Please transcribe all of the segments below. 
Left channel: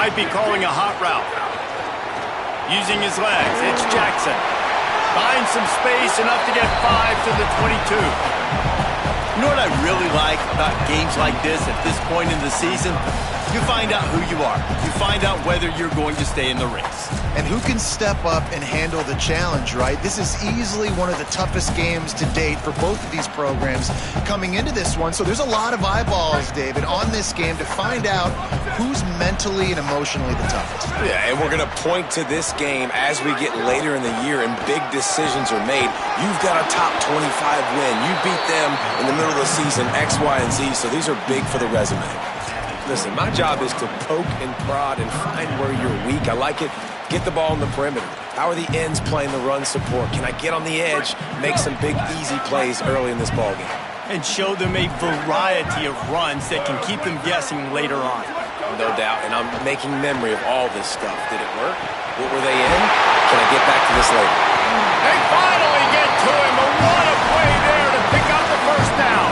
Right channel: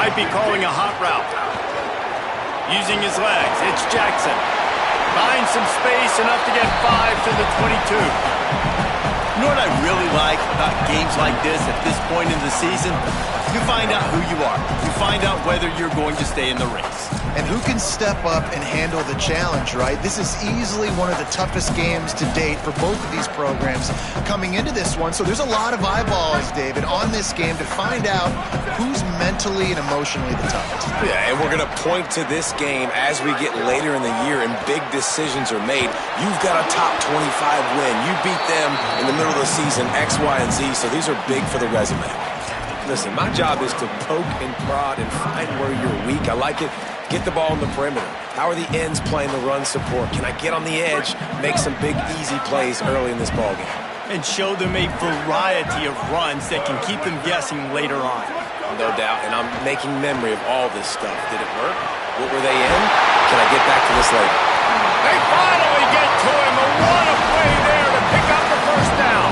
Might be calling a hot route. Using his legs, it's Jackson. Finds some space, enough to get 5 to the 22. You know what I really like about games like this at this point in the season? You find out who you are. You find out whether you're going to stay in the race. And who can step up and handle the challenge, right? This is easily one of the toughest games to date for both of these programs coming into this one. So there's a lot of eyeballs, David, on this game to find out who's mentally and emotionally the toughest. Yeah, and we're going to point to this game as we get later in the year and big decisions are made. You've got a top 25 win. You beat them in the middle of the season, X, Y, and Z, so these are big for the resume. Listen, my job is to poke and prod and find where you're weak. I like it. Get the ball in the perimeter. How are the ends playing the run support? Can I get on the edge, make some big, easy plays early in this ballgame? And show them a variety of runs that can keep them guessing later on. No doubt, and I'm making memory of all this stuff. Did it work? What were they in? Can I get back to this later? They finally get to him, and what a play there to pick up the first down.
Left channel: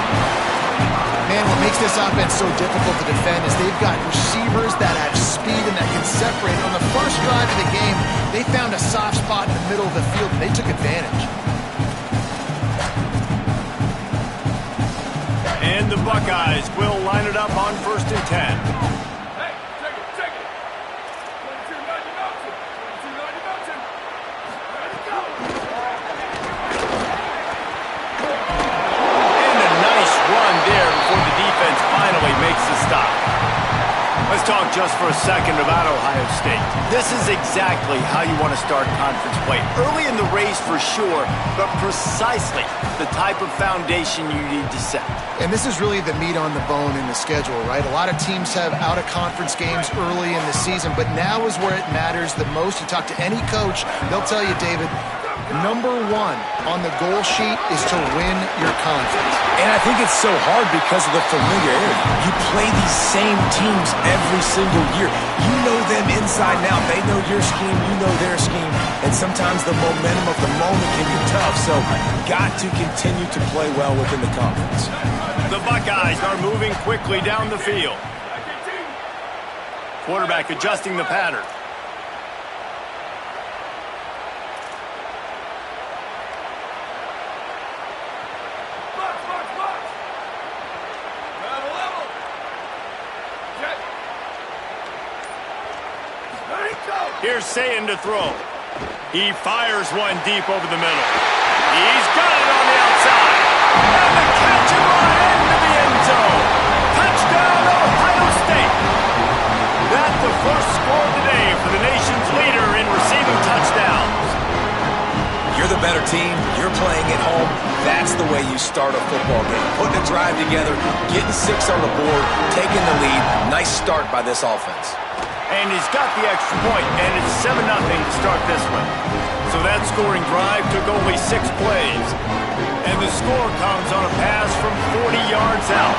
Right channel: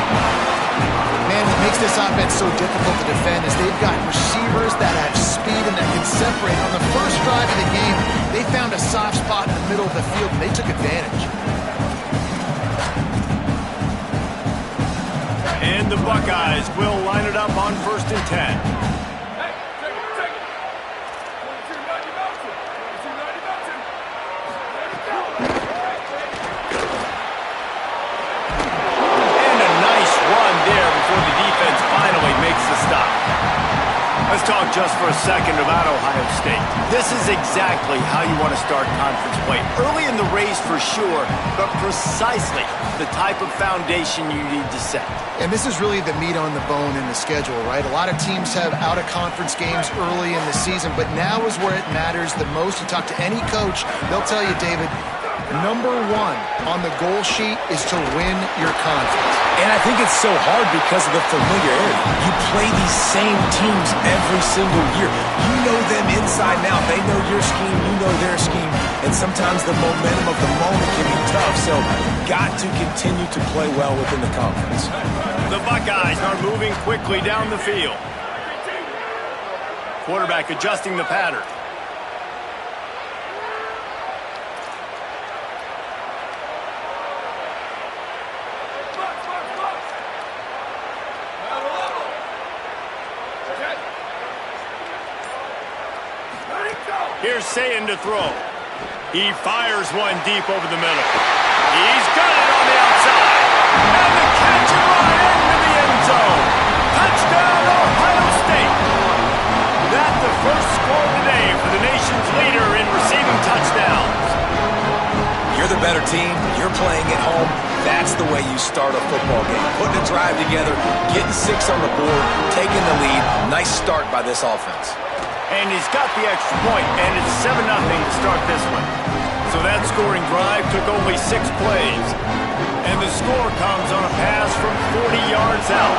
Man, what makes this offense so difficult to defend is they've got receivers that have speed and that can separate. On the first drive of the game, they found a soft spot in the middle of the field, and they took advantage. And the Buckeyes will line it up on 1st and 10. Hey, take it. 22-90 Mountain. 22-90 Mountain. Ready to go. And a nice run there before the defense finally makes the stop. Let's talk just for a second about Ohio State. This is exactly how you want to start conference play. Early in the race for sure, but precisely the type of foundation you need to set. And this is really the meat on the bone in the schedule, right? A lot of teams have out-of-conference games early in the season, but now is where it matters the most. You talk to any coach, they'll tell you, David, number one on the goal sheet is to win your conference. And I think it's so hard because of the familiarity. You play these same teams every single year. You know them inside and out. They know your scheme, you know their scheme, and sometimes the momentum of the moment can be tough, so got to continue to play well within the conference. The Buckeyes are moving quickly down the field. Quarterback adjusting the pattern. Box. Level. Okay. Ready, go. Here's Sayin to throw. He fires one deep over the middle. He's got it on the outside. And the catch and run into the end zone. Touchdown, Ohio State. That's the first score today for the nation's leader in receiving touchdowns. You're the better team. You're playing at home. That's the way you start a football game. Putting a drive together, getting 6 on the board, taking the lead. Nice start by this offense. And he's got the extra point, and it's 7-0 to start this one. So that scoring drive took only 6 plays. And the score comes on a pass from 40 yards out.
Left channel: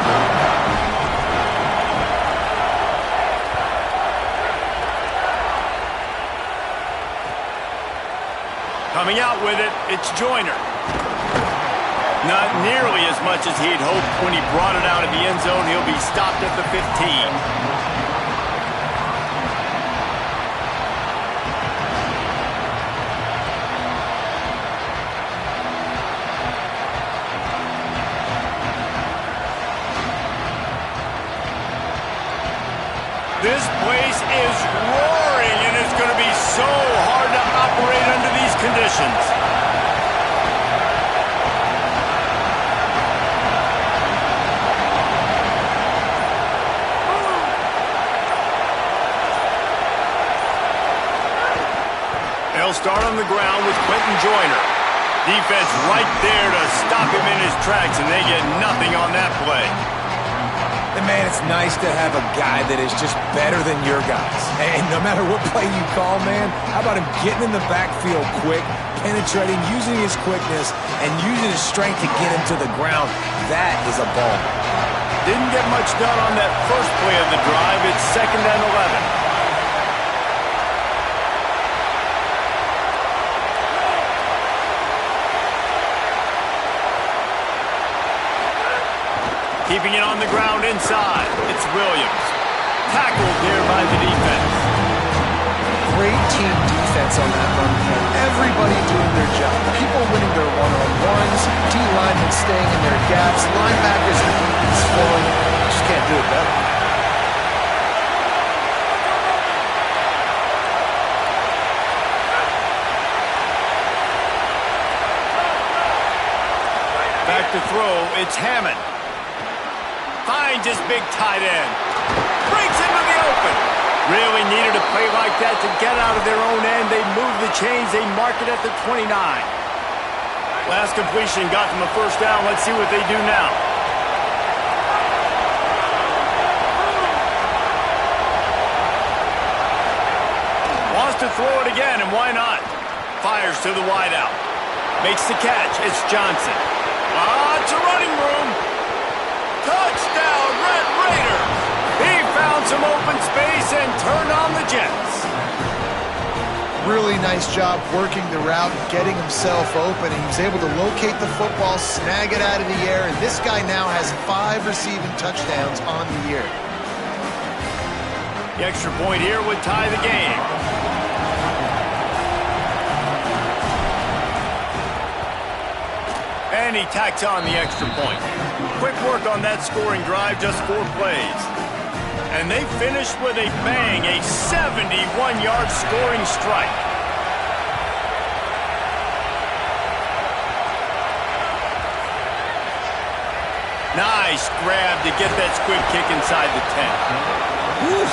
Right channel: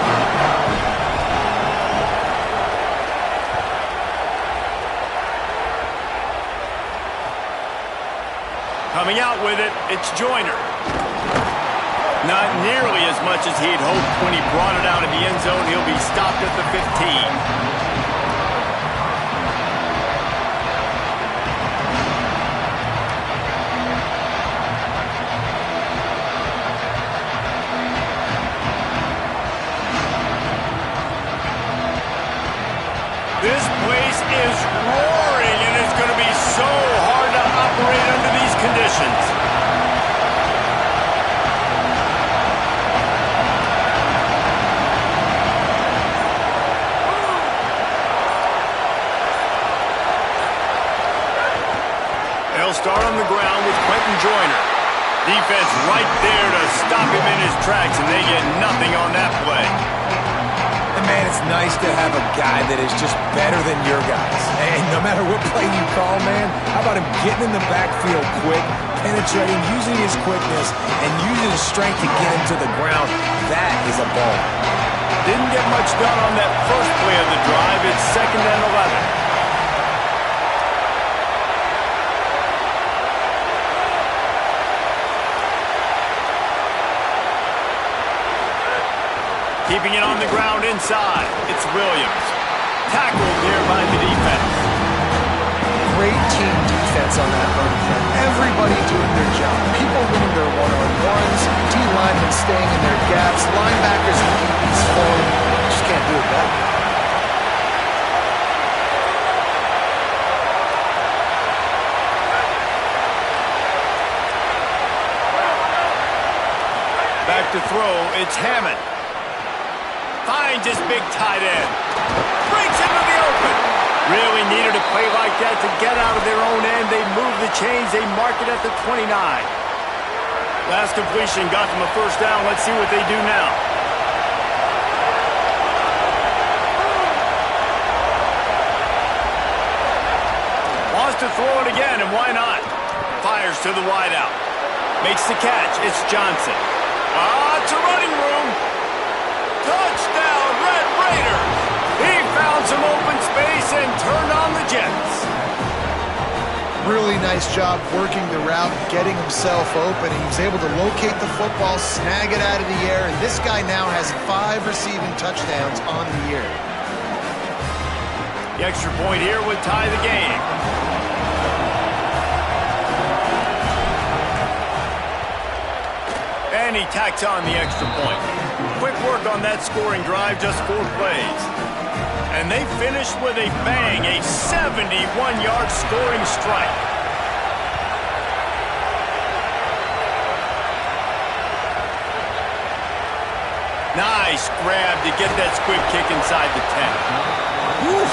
Coming out with it, it's Joyner. Not nearly as much as he'd hoped when he brought it out of the end zone. He'll be stopped at the 15. This place is roaring, and it's going to be so hard to operate under these conditions. They'll start on the ground with Quentin Joyner. Defense right there to stop him in his tracks, and they get nothing on that play. And man, it's nice to have a guy that is just better than your guys. And no matter what play you call, man, how about him getting in the backfield quick, penetrating, using his quickness, and using his strength to get him to the ground? That is a ball. Didn't get much done on that first play of the drive. It's 2nd and 11. Keeping it on the ground inside. It's Williams. tackled there by the defense. Great team defense on that run play. Everybody doing their job. People winning their one-on-ones, D-linemen staying in their gaps, linebackers and DBs flowing. Just can't do it better. Back to throw, it's Hammond. Finds his big tight end. Breaks into the open. Really needed a play like that to get out of their own end. They move the chains. They mark it at the 29. Last completion got them a first down. Let's see what they do now. Wants to throw it again, and why not? Fires to the wideout. Makes the catch. It's Johnson. Lots of running room. Touchdown, Red Raiders. He found some open space and turned on the Jets. Really nice job working the route, getting himself open. He was able to locate the football, snag it out of the air, and this guy now has 5 receiving touchdowns on the year. The extra point here would tie the game. And he tacks on the extra point. Quick work on that scoring drive, just 4 plays. And they finished with a bang, a 71-yard scoring strike. Nice grab to get that squib kick inside the 10. Whew,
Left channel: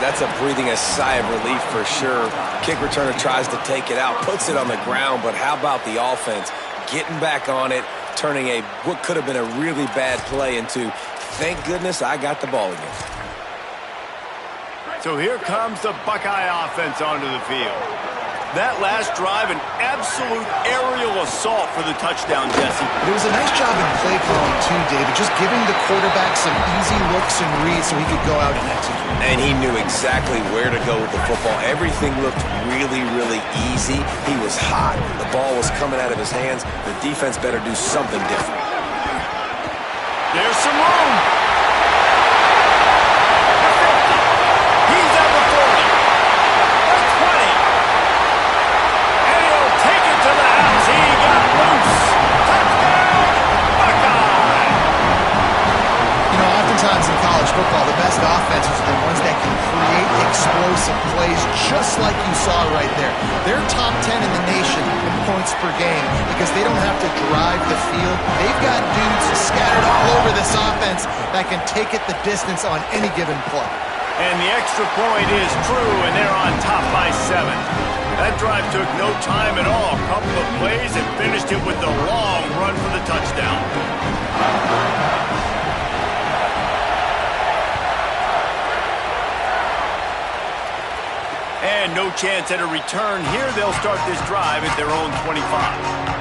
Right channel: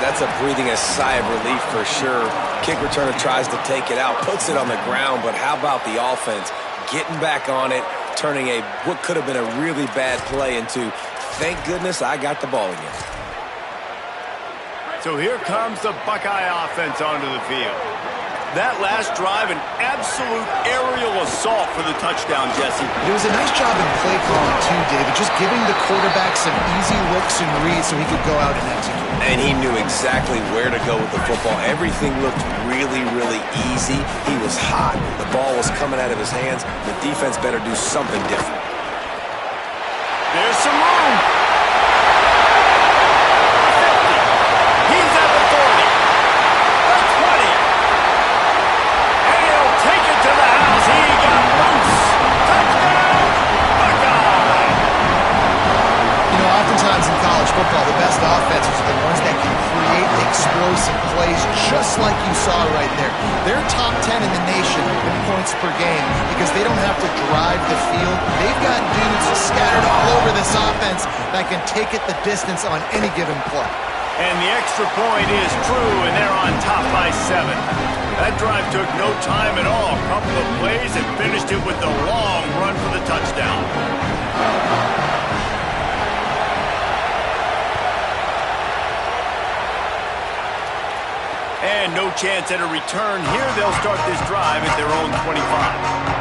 that's a breathing sigh of relief for sure. Kick returner tries to take it out, puts it on the ground, but how about the offense getting back on it, turning what could have been a really bad play into, thank goodness I got the ball again. So here comes the Buckeye offense onto the field. That last drive, an absolute aerial assault for the touchdown, Jesse. It was a nice job in play calling too, David, just giving the quarterback some easy looks and reads so he could go out and execute. And he knew exactly where to go with the football. Everything looked really, really easy. He was hot. The ball was coming out of his hands. The defense better do something different. There's some room. The 50. He's at the 40. The 20. And he'll take it to the house. He got loose. Touchdown, Buckeye. You know, oftentimes in college football, the best offenses are the ones that can create explosive plays, just like you saw right there. They're top 10 in the nation in points per game because they don't have to drive the field. They've got dudes scattered all over this offense that can take it the distance on any given play. And the extra point is true, and they're on top by 7. That drive took no time at all. A couple of plays and finished it with the long run for the touchdown. And no chance at a return here. They'll start this drive at their own 25.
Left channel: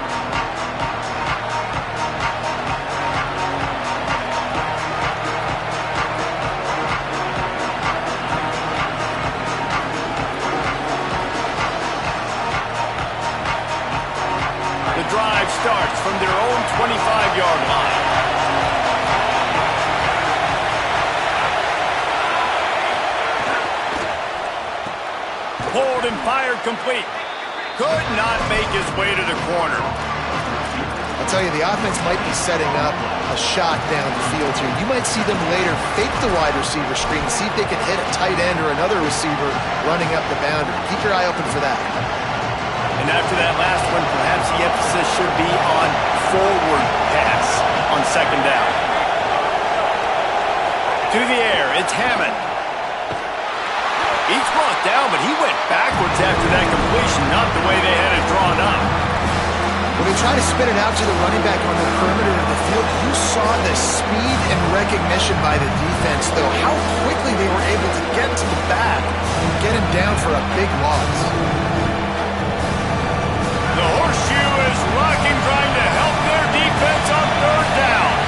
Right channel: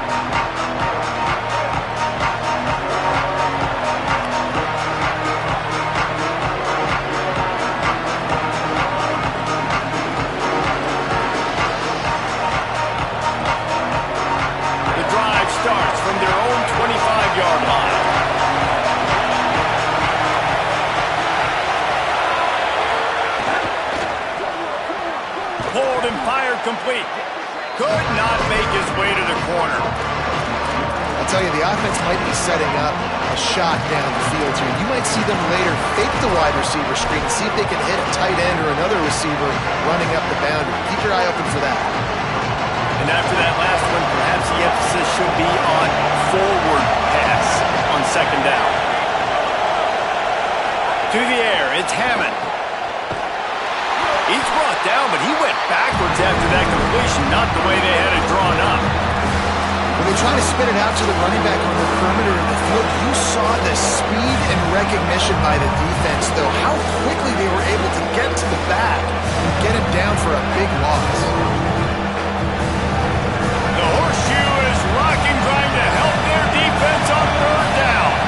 Starts from their own 25-yard line. Pulled and fired complete. Could not make his way to the corner. I'll tell you, the offense might be setting up a shot down the field here. You might see them later fake the wide receiver screen, see if they can hit a tight end or another receiver running up the boundary. Keep your eye open for that. And after that last one, perhaps the emphasis should be on forward pass on second down. To the air, it's Hammond. He's brought down, but he went backwards after that completion, not the way they had it drawn up. When they try to spin it out to the running back on the perimeter of the field, you saw the speed and recognition by the defense, though, how quickly they were able to get to the back and get him down for a big loss. The horseshoe is rocking, trying to help their defense on third down.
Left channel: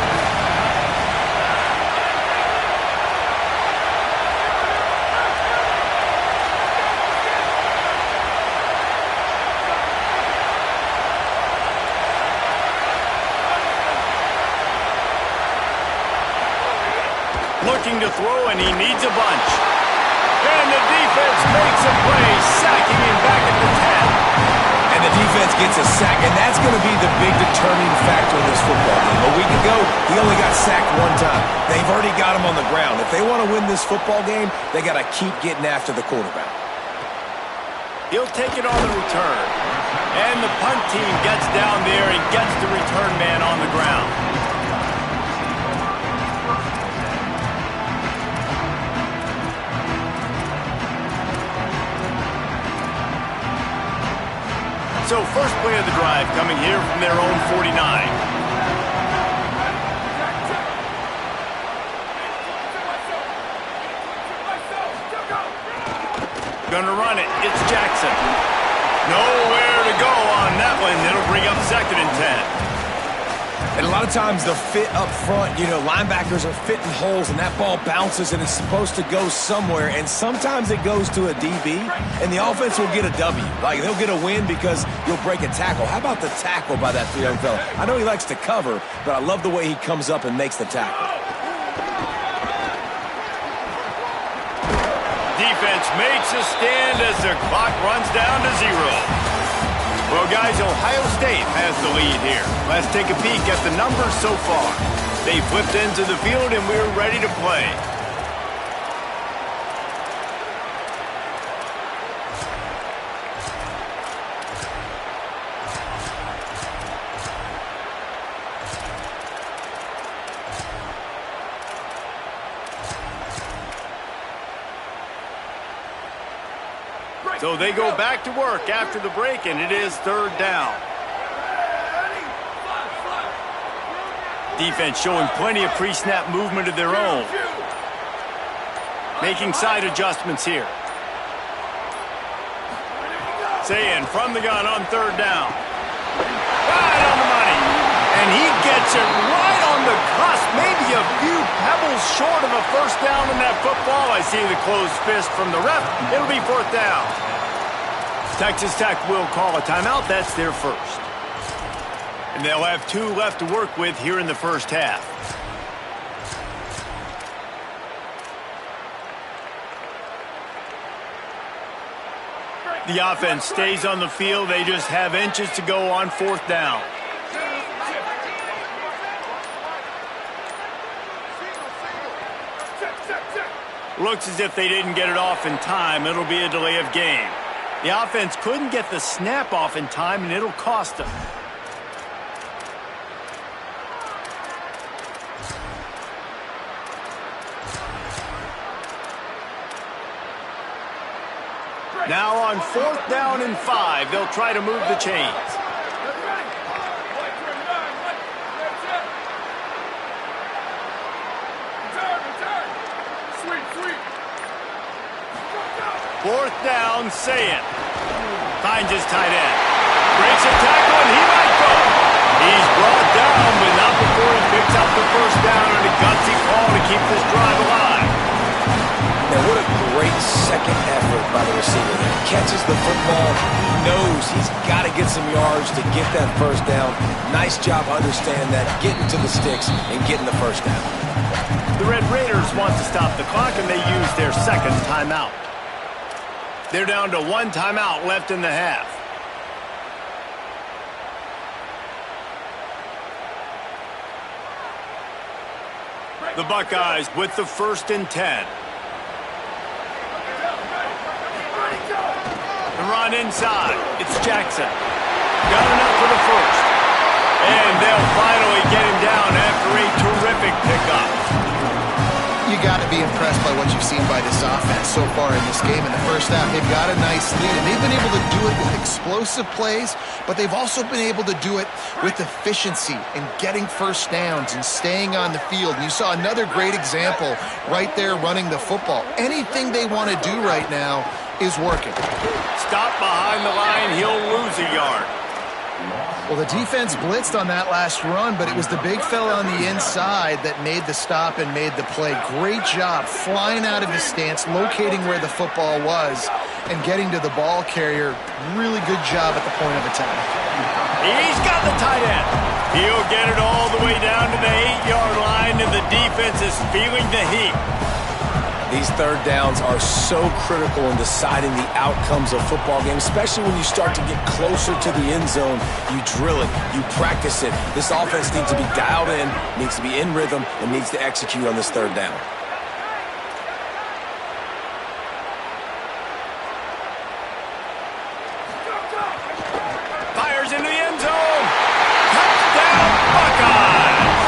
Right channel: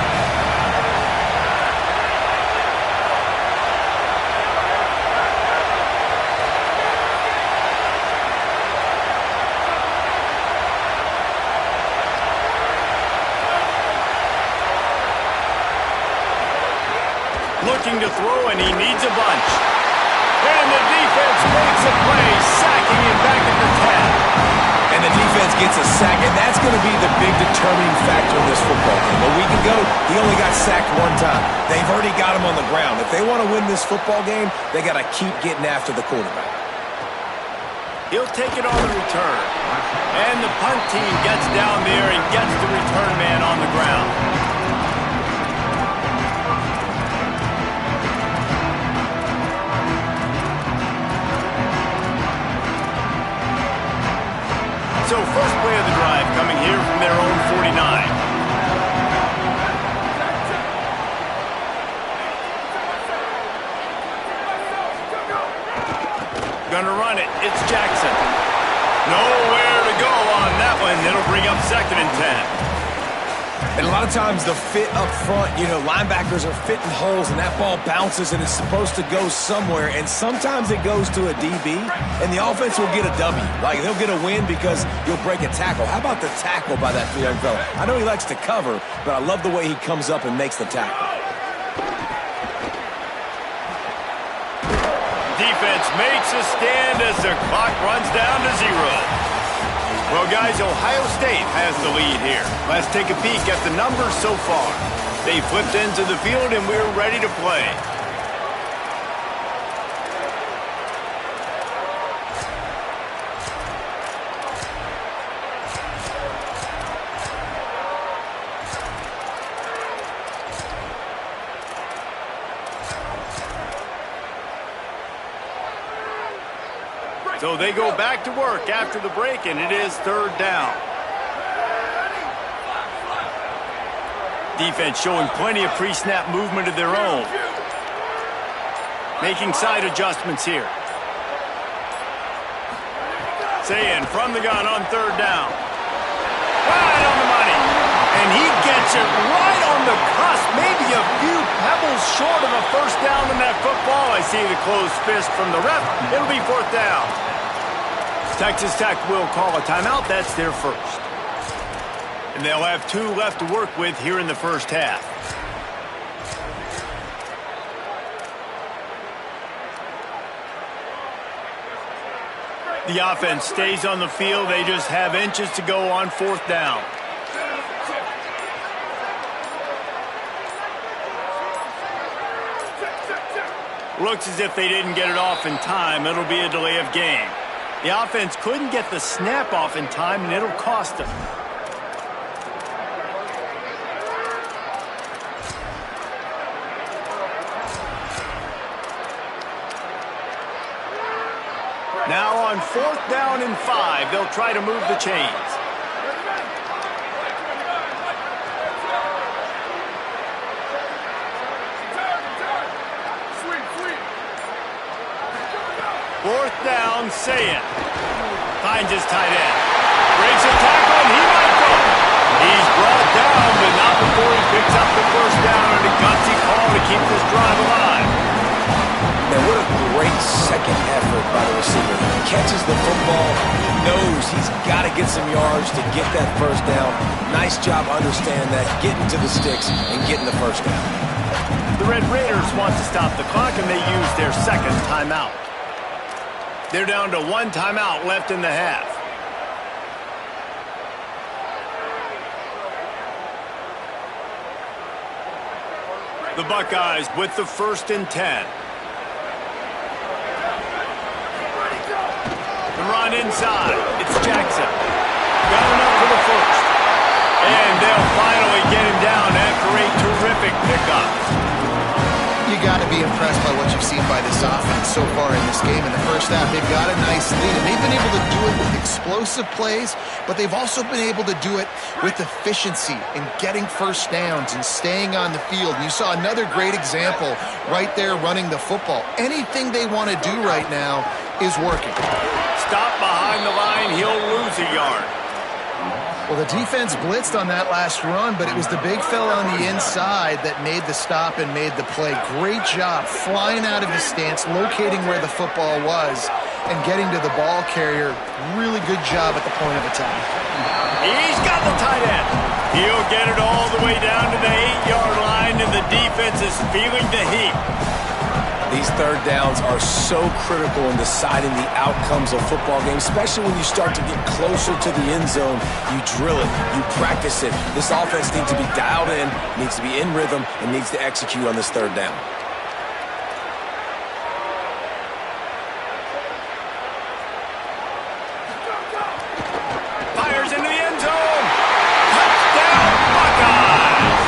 Looking to throw, and he needs a bunch. And the defense makes a play, sacking him back at the 10. And the defense gets a sack, and that's going to be the big determining factor in this football game. A week ago, he only got sacked one time. They've already got him on the ground. If they want to win this football game, they got to keep getting after the quarterback. He'll take it on the return. And the punt team gets down there and gets the return man on the ground. So first play of the drive coming here from their own 49. Gonna run it. It's Jackson. Nowhere to go on that one. It'll bring up 2nd and 10. And a lot of times the fit up front, linebackers are fitting holes and that ball bounces and it's supposed to go somewhere. And sometimes it goes to a DB and the offense will get a W. Like they'll get a win because you'll break a tackle. How about the tackle by that young fella? I know he likes to cover, but I love the way he comes up and makes the tackle. Defense makes a stand as the clock runs down to 0. Well, guys, Ohio State has the lead here. Let's take a peek at the numbers so far. They flipped into the field, and we're ready to play. So they go back to work after the break, and it is 3rd down. Defense showing plenty of pre-snap movement of their own. Making side adjustments here. Saying from the gun on 3rd down. Right on the money. And he gets it right on the cusp. Maybe a few pebbles short of a first down in that football. I see the closed fist from the ref. It'll be 4th down. Texas Tech will call a timeout. That's their first. And they'll have 2 left to work with here in the first half. The offense stays on the field. They just have inches to go on 4th down. Looks as if they didn't get it off in time. It'll be a delay of game. The offense couldn't get the snap off in time, and it'll cost them. Now on 4th down and 5, they'll try to move the chains. Fourth down, Sayan. Finds his tight end. Breaks a tackle, and he might go. He's brought down, but not before he picks up the first down on a gutsy call to keep this drive alive. Now, what a great second effort by the receiver there. Catches the football. He knows he's got to get some yards to get that first down. Nice job understanding that, getting to the sticks and getting the first down. The Red Raiders want to stop the clock, and they use their 2nd timeout. They're down to 1 timeout left in the half. The Buckeyes with the 1st and 10. The run inside. It's Jackson. Got enough for the first. And they'll finally get him down after a terrific pickup. You got to be impressed by what you've seen by this offense so far in this game. In the first half, they've got a nice lead, and they've been able to do it with explosive plays, but they've also been able to do it with efficiency and getting first downs and staying on the field. And you saw another great example right there running the football. Anything they want to do right now is working. Stop behind the line, he'll lose a yard. Well, the defense blitzed on that last run, but it was the big fella on the inside that made the stop and made the play. Great job flying out of his stance, locating where the football was, and getting to the ball carrier. Really good job at the point of attack. He's got the tight end. He'll get it all the way down to the 8-yard line, and the defense is feeling the heat. These third downs are so critical in deciding the outcomes of football games, especially when you start to get closer to the end zone. You drill it, you practice it. This offense needs to be dialed in, needs to be in rhythm, and needs to execute on this third down. Fires into the end zone. Touchdown, Buckeyes.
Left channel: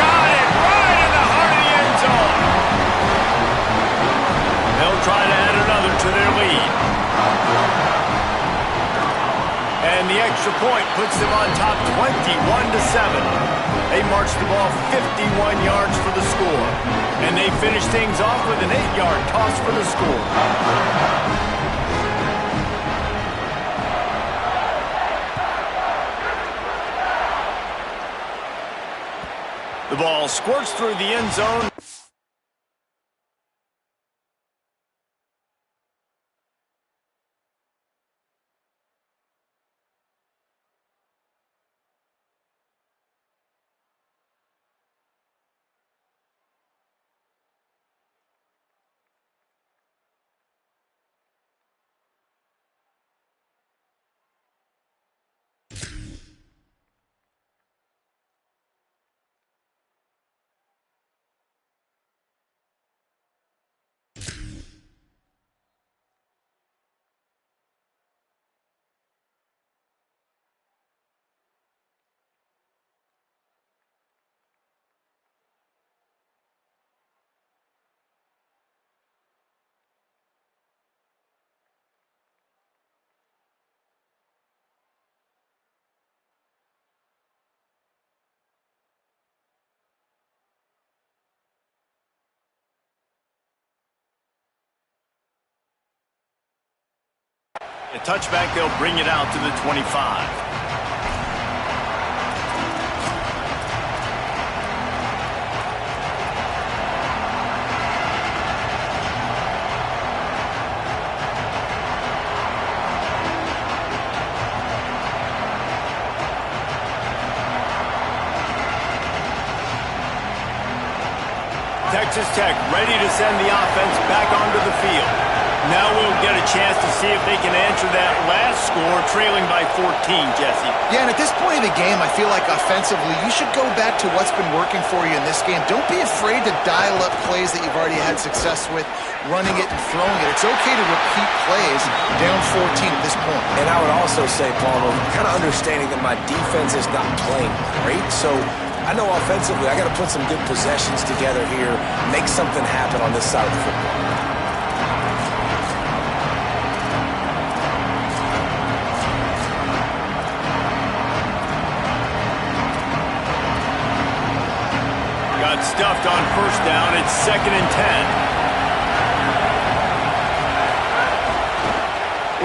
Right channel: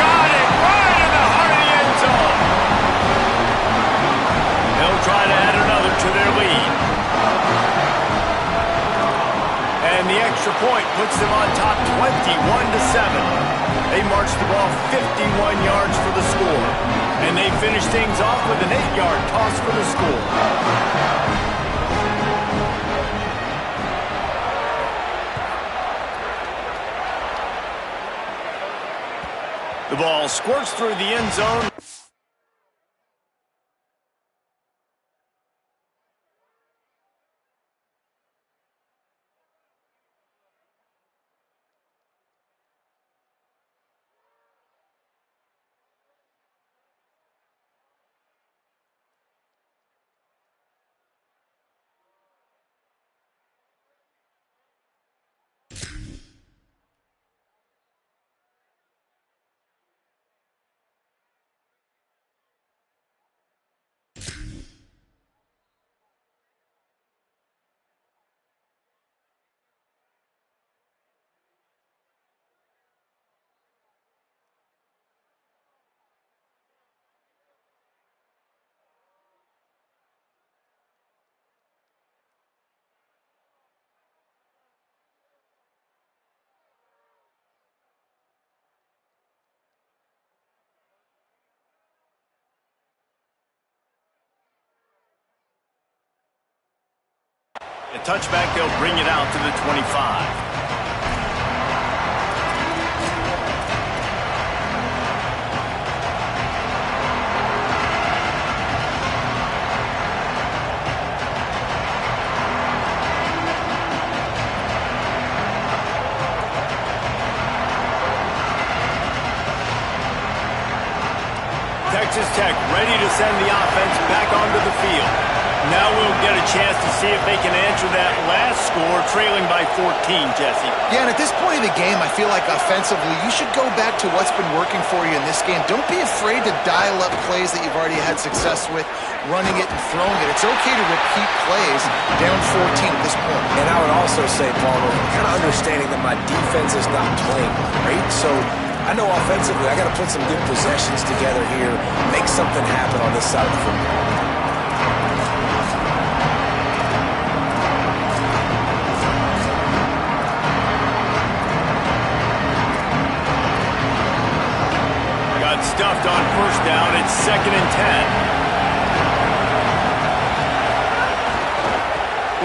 Got it right in the heart of the end zone. They'll try to add another to their lead. And the extra point puts them on top 21-7. They march the ball 51 yards for the score. And they finish things off with an 8-yard toss for the score. The ball squirts through the end zone. A touchback, they'll bring it out to the 25. Texas Tech ready to send the offense back onto the field. Now we'll get a chance to see if they can answer that last score, trailing by 14, Jesse. Yeah, and at this point of the game, I feel like offensively, you should go back to what's been working for you in this game. Don't be afraid to dial up plays that you've already had success with, running it and throwing it. It's okay to repeat plays down 14 at this point. And I would also say, Palmer, kind of understanding that my defense is not playing great, so I know offensively I got to put some good possessions together here, make something happen on this side of the football. Stuffed on first down. It's 2nd and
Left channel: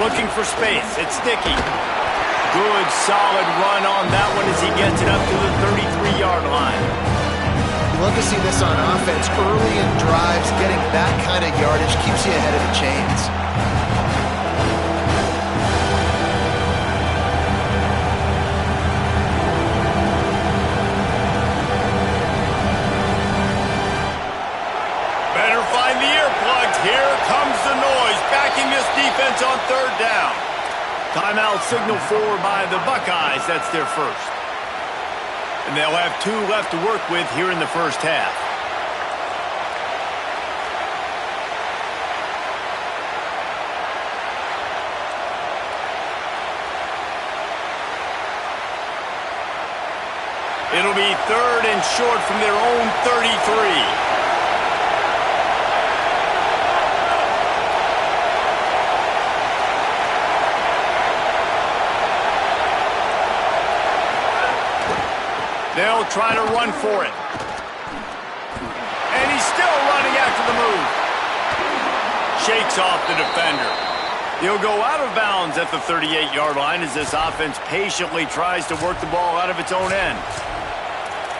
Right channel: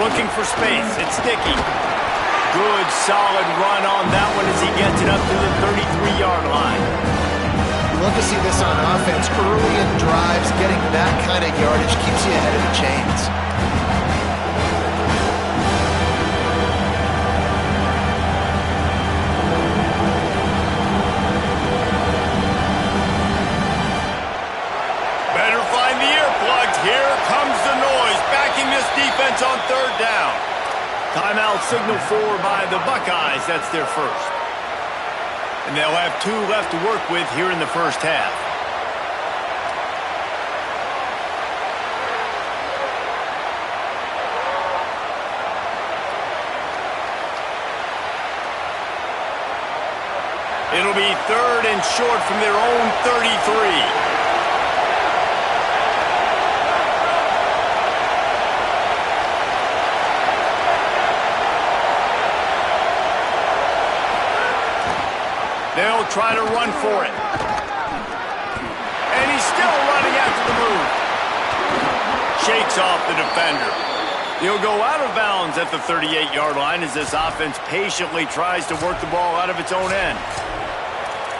10. Looking for space. It's Sticky. Good, solid run on that one as he gets it up to the 33-yard line. You love to see this on offense. Early in drives, getting that kind of yardage keeps you ahead of the chains. Find the earplugs. Here comes the noise, backing this defense on third down. Timeout signal for by the Buckeyes. That's their first. And they'll have 2 left to work with here in the first half. It'll be 3rd and short from their own 33. They'll try to run for it. And he's still running after the move. Shakes off the defender. He'll go out of bounds at the 38-yard line as this offense patiently tries to work the ball out of its own end.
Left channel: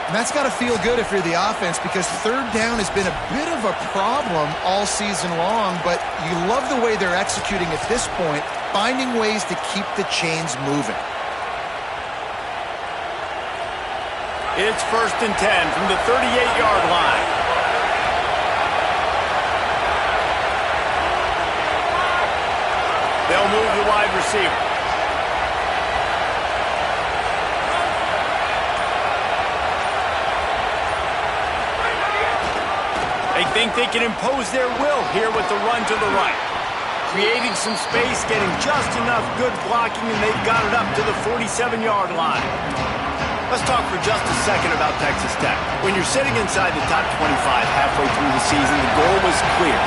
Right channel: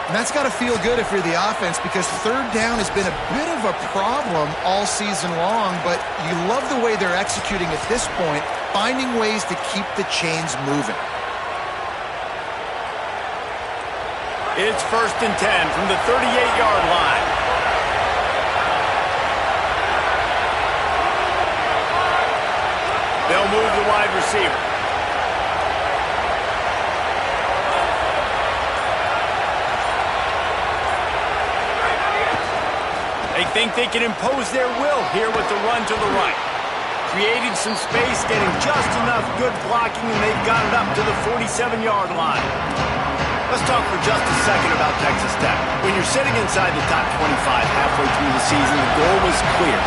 And that's got to feel good if you're the offense, because third down has been a bit of a problem all season long, but you love the way they're executing at this point, finding ways to keep the chains moving. It's 1st and 10 from the 38-yard line. They'll move the wide receiver. They think they can impose their will here with the run to the right. Creating some space, getting just enough good blocking, and they've got it up to the 47-yard line. Let's talk for just a second about Texas Tech. When you're sitting inside the top 25 halfway through the season, the goal was clear.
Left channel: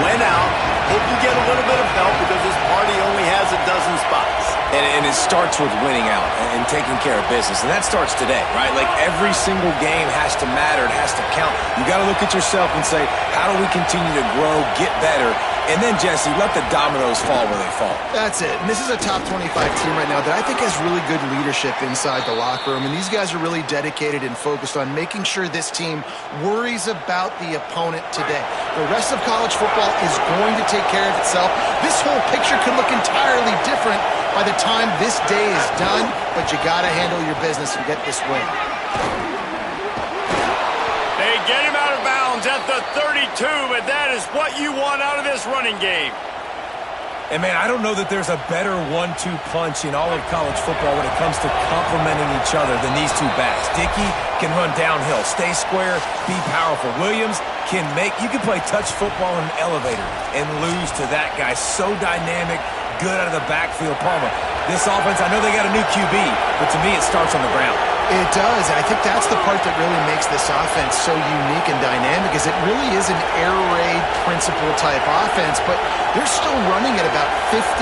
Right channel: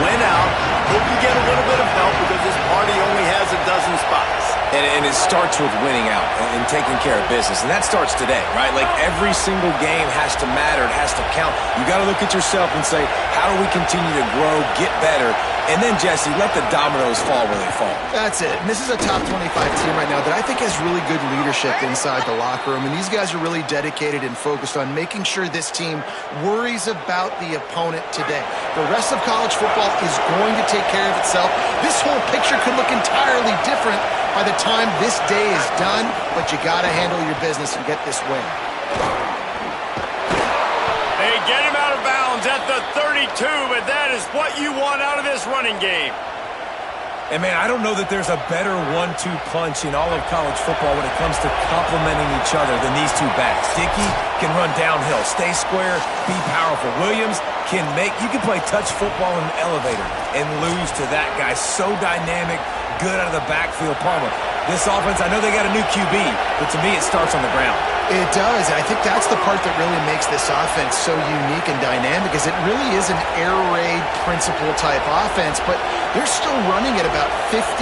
Win out, hope you get a little bit of help because this party only has a dozen spots. And it starts with winning out and taking care of business. And that starts today, right? Like every single game has to matter. It has to count. You got to look at yourself and say, how do we continue to grow, get better? And then, Jesse, let the dominoes fall where they fall. That's it. And this is a top 25 team right now that I think has really good leadership inside the locker room. And these guys are really dedicated and focused on making sure this team worries about the opponent today. The rest of college football is going to take care of itself. This whole picture could look entirely different by the time this day is done, but you got to handle your business and get this win. They get him out of bounds at the 32, but that is what you want out of this running game. And, man, I don't know that there's a better 1-2 punch in all of college football when it comes to complementing each other than these two backs. Dickey can run downhill, stay square, be powerful. Williams can you can play touch football in an elevator and lose to that guy. So dynamic, good out of the backfield. Palmer, this offense, I know they got a new QB, but to me it starts on the ground. It does, and I think that's the part that really makes this offense so unique and dynamic is it really is an air raid principle type offense, but they're still running at about 50%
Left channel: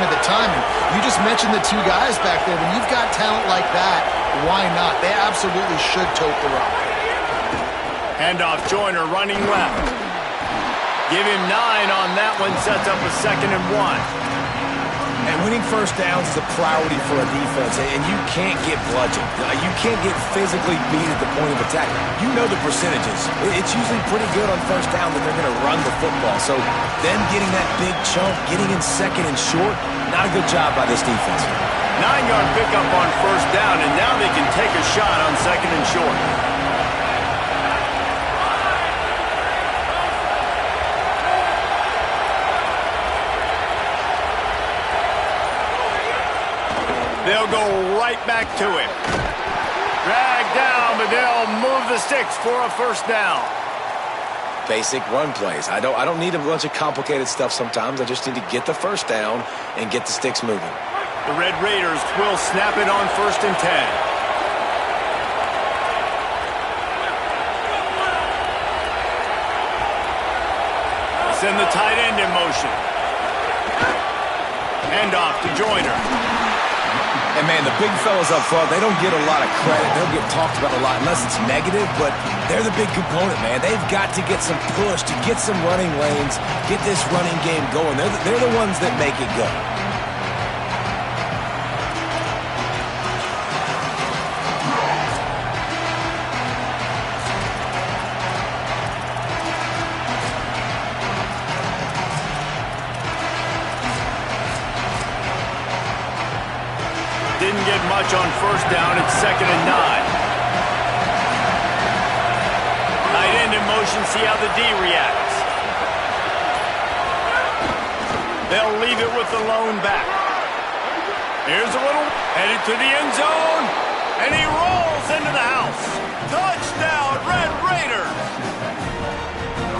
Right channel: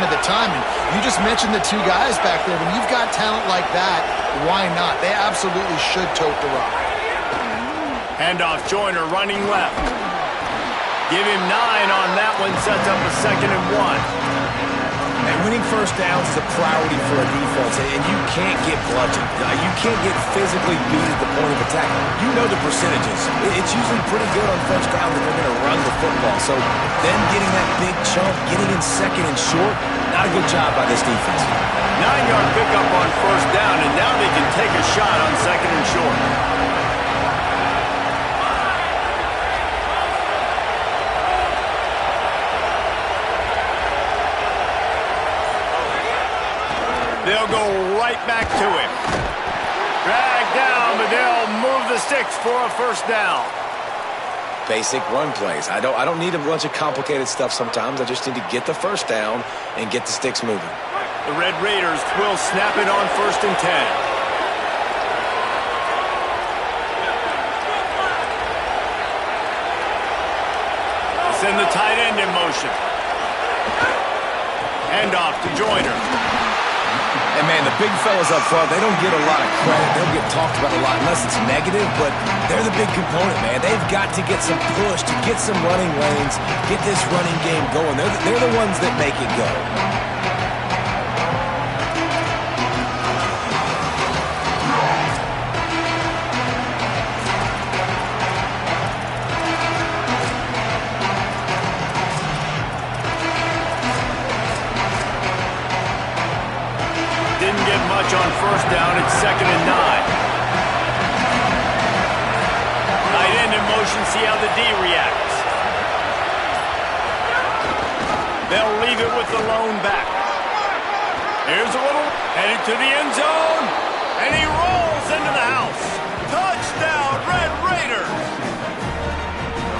of the time. And you just mentioned the two guys back there. When you've got talent like that, why not? They absolutely should tote the rock. Handoff, Joyner running left. Give him 9 on that one, sets up a 2nd and 1. And winning first downs is a priority for a defense, and you can't get bludgeoned. You can't get physically beat at the point of attack. You know the percentages. It's usually pretty good on first down that they're going to run the football. So them getting that big chunk, getting in 2nd and short, not a good job by this defense. 9-yard pickup on first down, and now they can take a shot on 2nd and short. They'll go right back to him. Drag down, but they'll move the sticks for a first down. Basic run plays. I don't need a bunch of complicated stuff sometimes. I just need to get the first down and get the sticks moving. The Red Raiders will snap it on 1st and 10. Send the tight end in motion. Handoff to Joyner. And, man, the big fellas up front, they don't get a lot of credit. They'll get talked about a lot unless it's negative, but they're the big component, man. They've got to get some push, to get some running lanes, get this running game going. They're the ones that make it go. Didn't get much on first down. It's 2nd and 9. Tight end in motion. See how the D reacts. They'll leave it with the lone back. Here's a little headed to the end zone, and he rolls into the house. Touchdown, Red Raiders.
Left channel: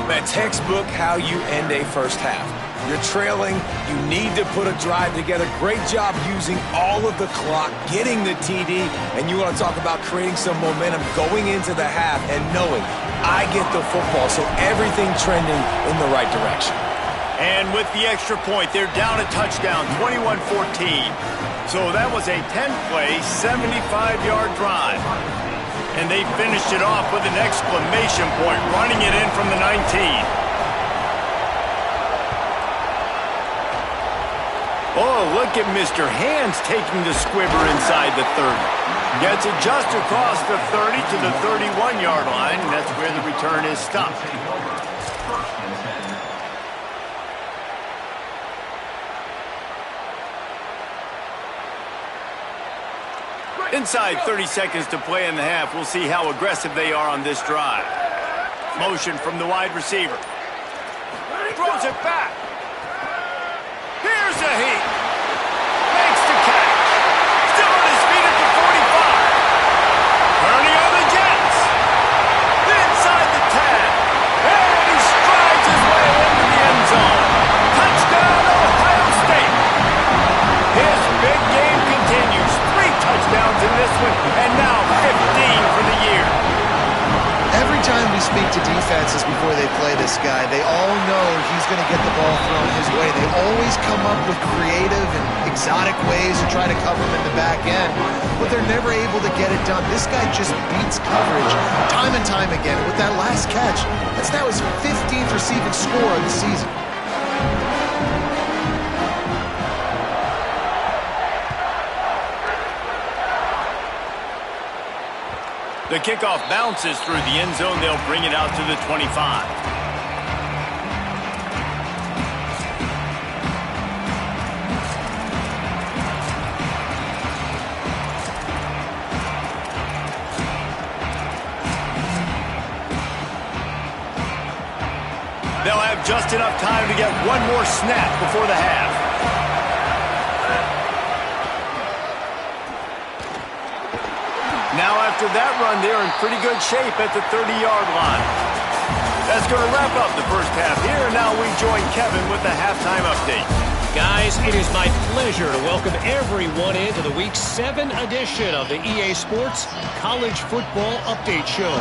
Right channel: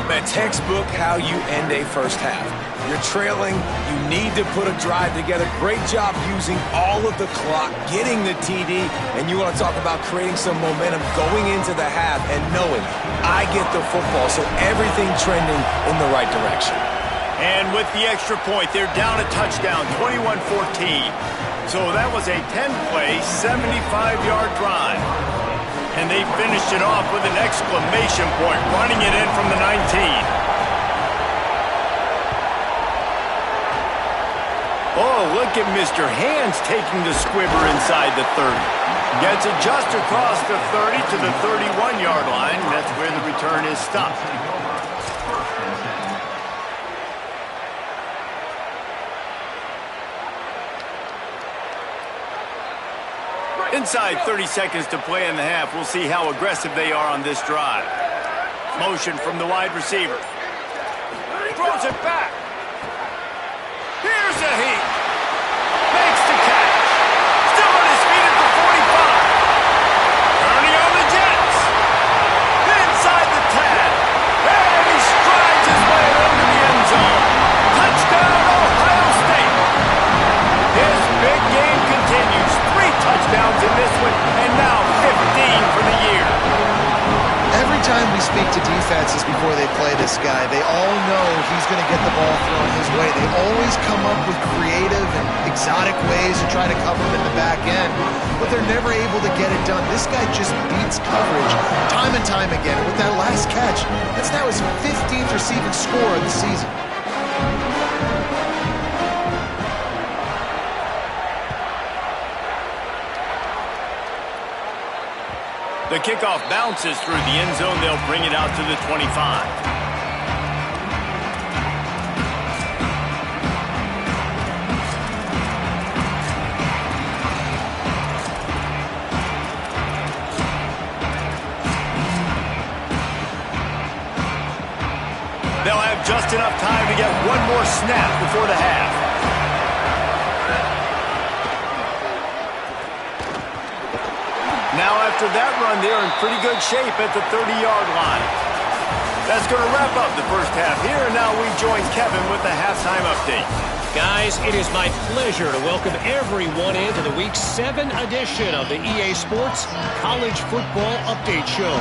Man, textbook how you end a first half. You're trailing. You need to put a drive together. Great job using all of the clock, getting the TD, and you want to talk about creating some momentum going into the half and knowing I get the football, so everything trending in the right direction. And with the extra point, they're down a touchdown, 21-14. So that was a 10-play, 75-yard drive. And they finished it off with an exclamation point, running it in from the 19. Oh, look at Mr. Hands taking the squibber inside the 30. Gets it just across the 30 to the 31-yard line. That's where the return is stopped. Inside 30 seconds to play in the half. We'll see how aggressive they are on this drive. Motion from the wide receiver. Throws it back. Here's a heat. Makes the catch. Still on his feet at the 45. Turning on the Jets. Inside the 10. And he strides his way into the end zone. Touchdown, Ohio State. His big game continues. 3 touchdowns in this one, and now 15 for the year. Every time we speak to defenses before they play this guy, they all know he's going to get the ball thrown his way. They always come up with creative and exotic ways to try to cover him in the back end, but they're never able to get it done. This guy just beats coverage time and time again. And with that last catch, that's now his 15th receiving score of the season. The kickoff bounces through the end zone. They'll bring it out to the 25. They'll have just enough time to get one more snap before the half. Now after that run, they're in pretty good shape at the 30-yard line. That's going to wrap up the first half here, and now we join Kevin with the halftime update. Guys, it is my pleasure to welcome everyone into the Week 7 edition of the EA Sports College Football Update Show.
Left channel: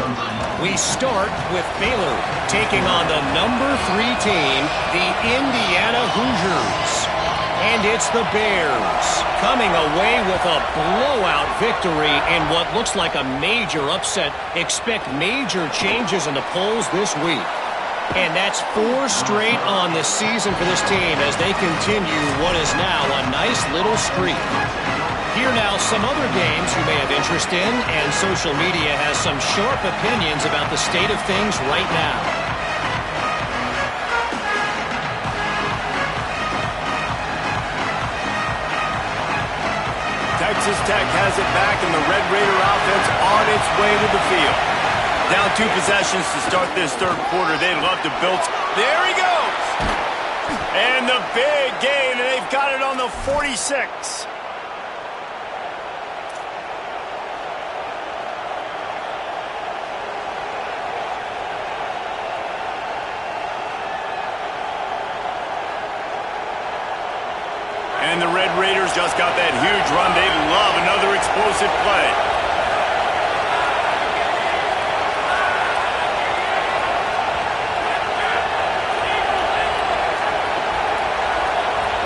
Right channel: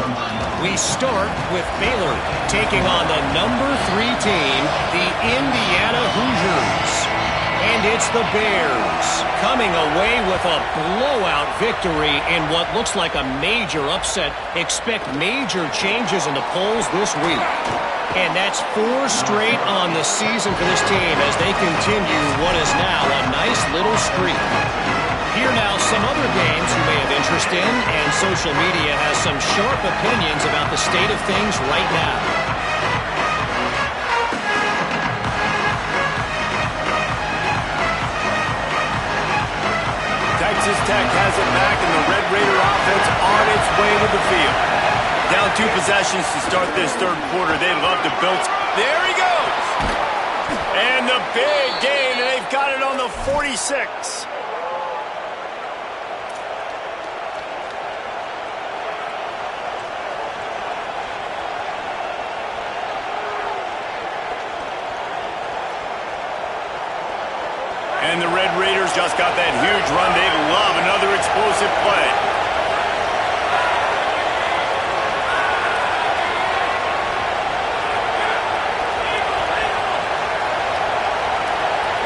We start with Baylor taking on the number 3 team, the Indiana Hoosiers. And it's the Bears coming away with a blowout victory in what looks like a major upset. Expect major changes in the polls this week. And that's 4 straight on the season for this team as they continue what is now a nice little streak. Here now some other games you may have interest in, and social media has some sharp opinions about the state of things right now. Texas Tech has it back, and the Red Raider offense on its way to the field. Down 2 possessions to start this third quarter. They'd love to build. There he goes! And the big gain, and they've got it on the 46. And the Red Raiders just got that huge run. They'd love another explosive play.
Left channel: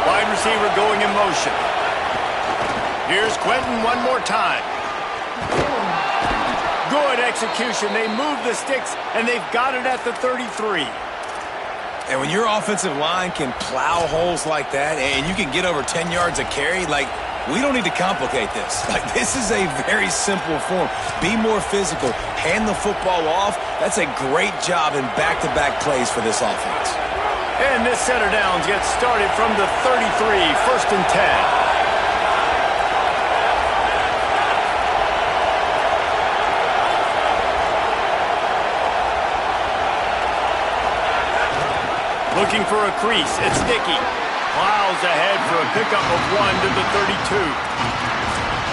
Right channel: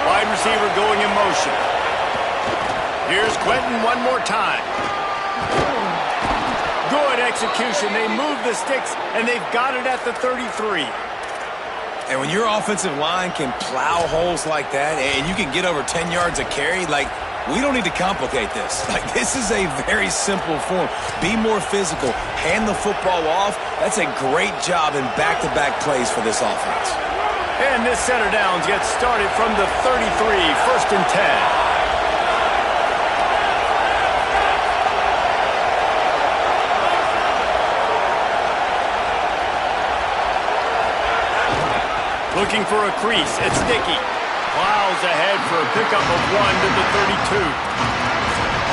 Wide receiver going in motion. Here's Quentin one more time. Good execution. They move the sticks, and they've got it at the 33. And when your offensive line can plow holes like that and you can get over 10 yards a carry, like, we don't need to complicate this. Like, this is a very simple form. Be more physical. Hand the football off. That's a great job in back-to-back plays for this offense. And this set of downs gets started from the 33, 1st and 10. Looking for a crease. It's Dickey. Plows ahead for a pickup of 1 to the 32.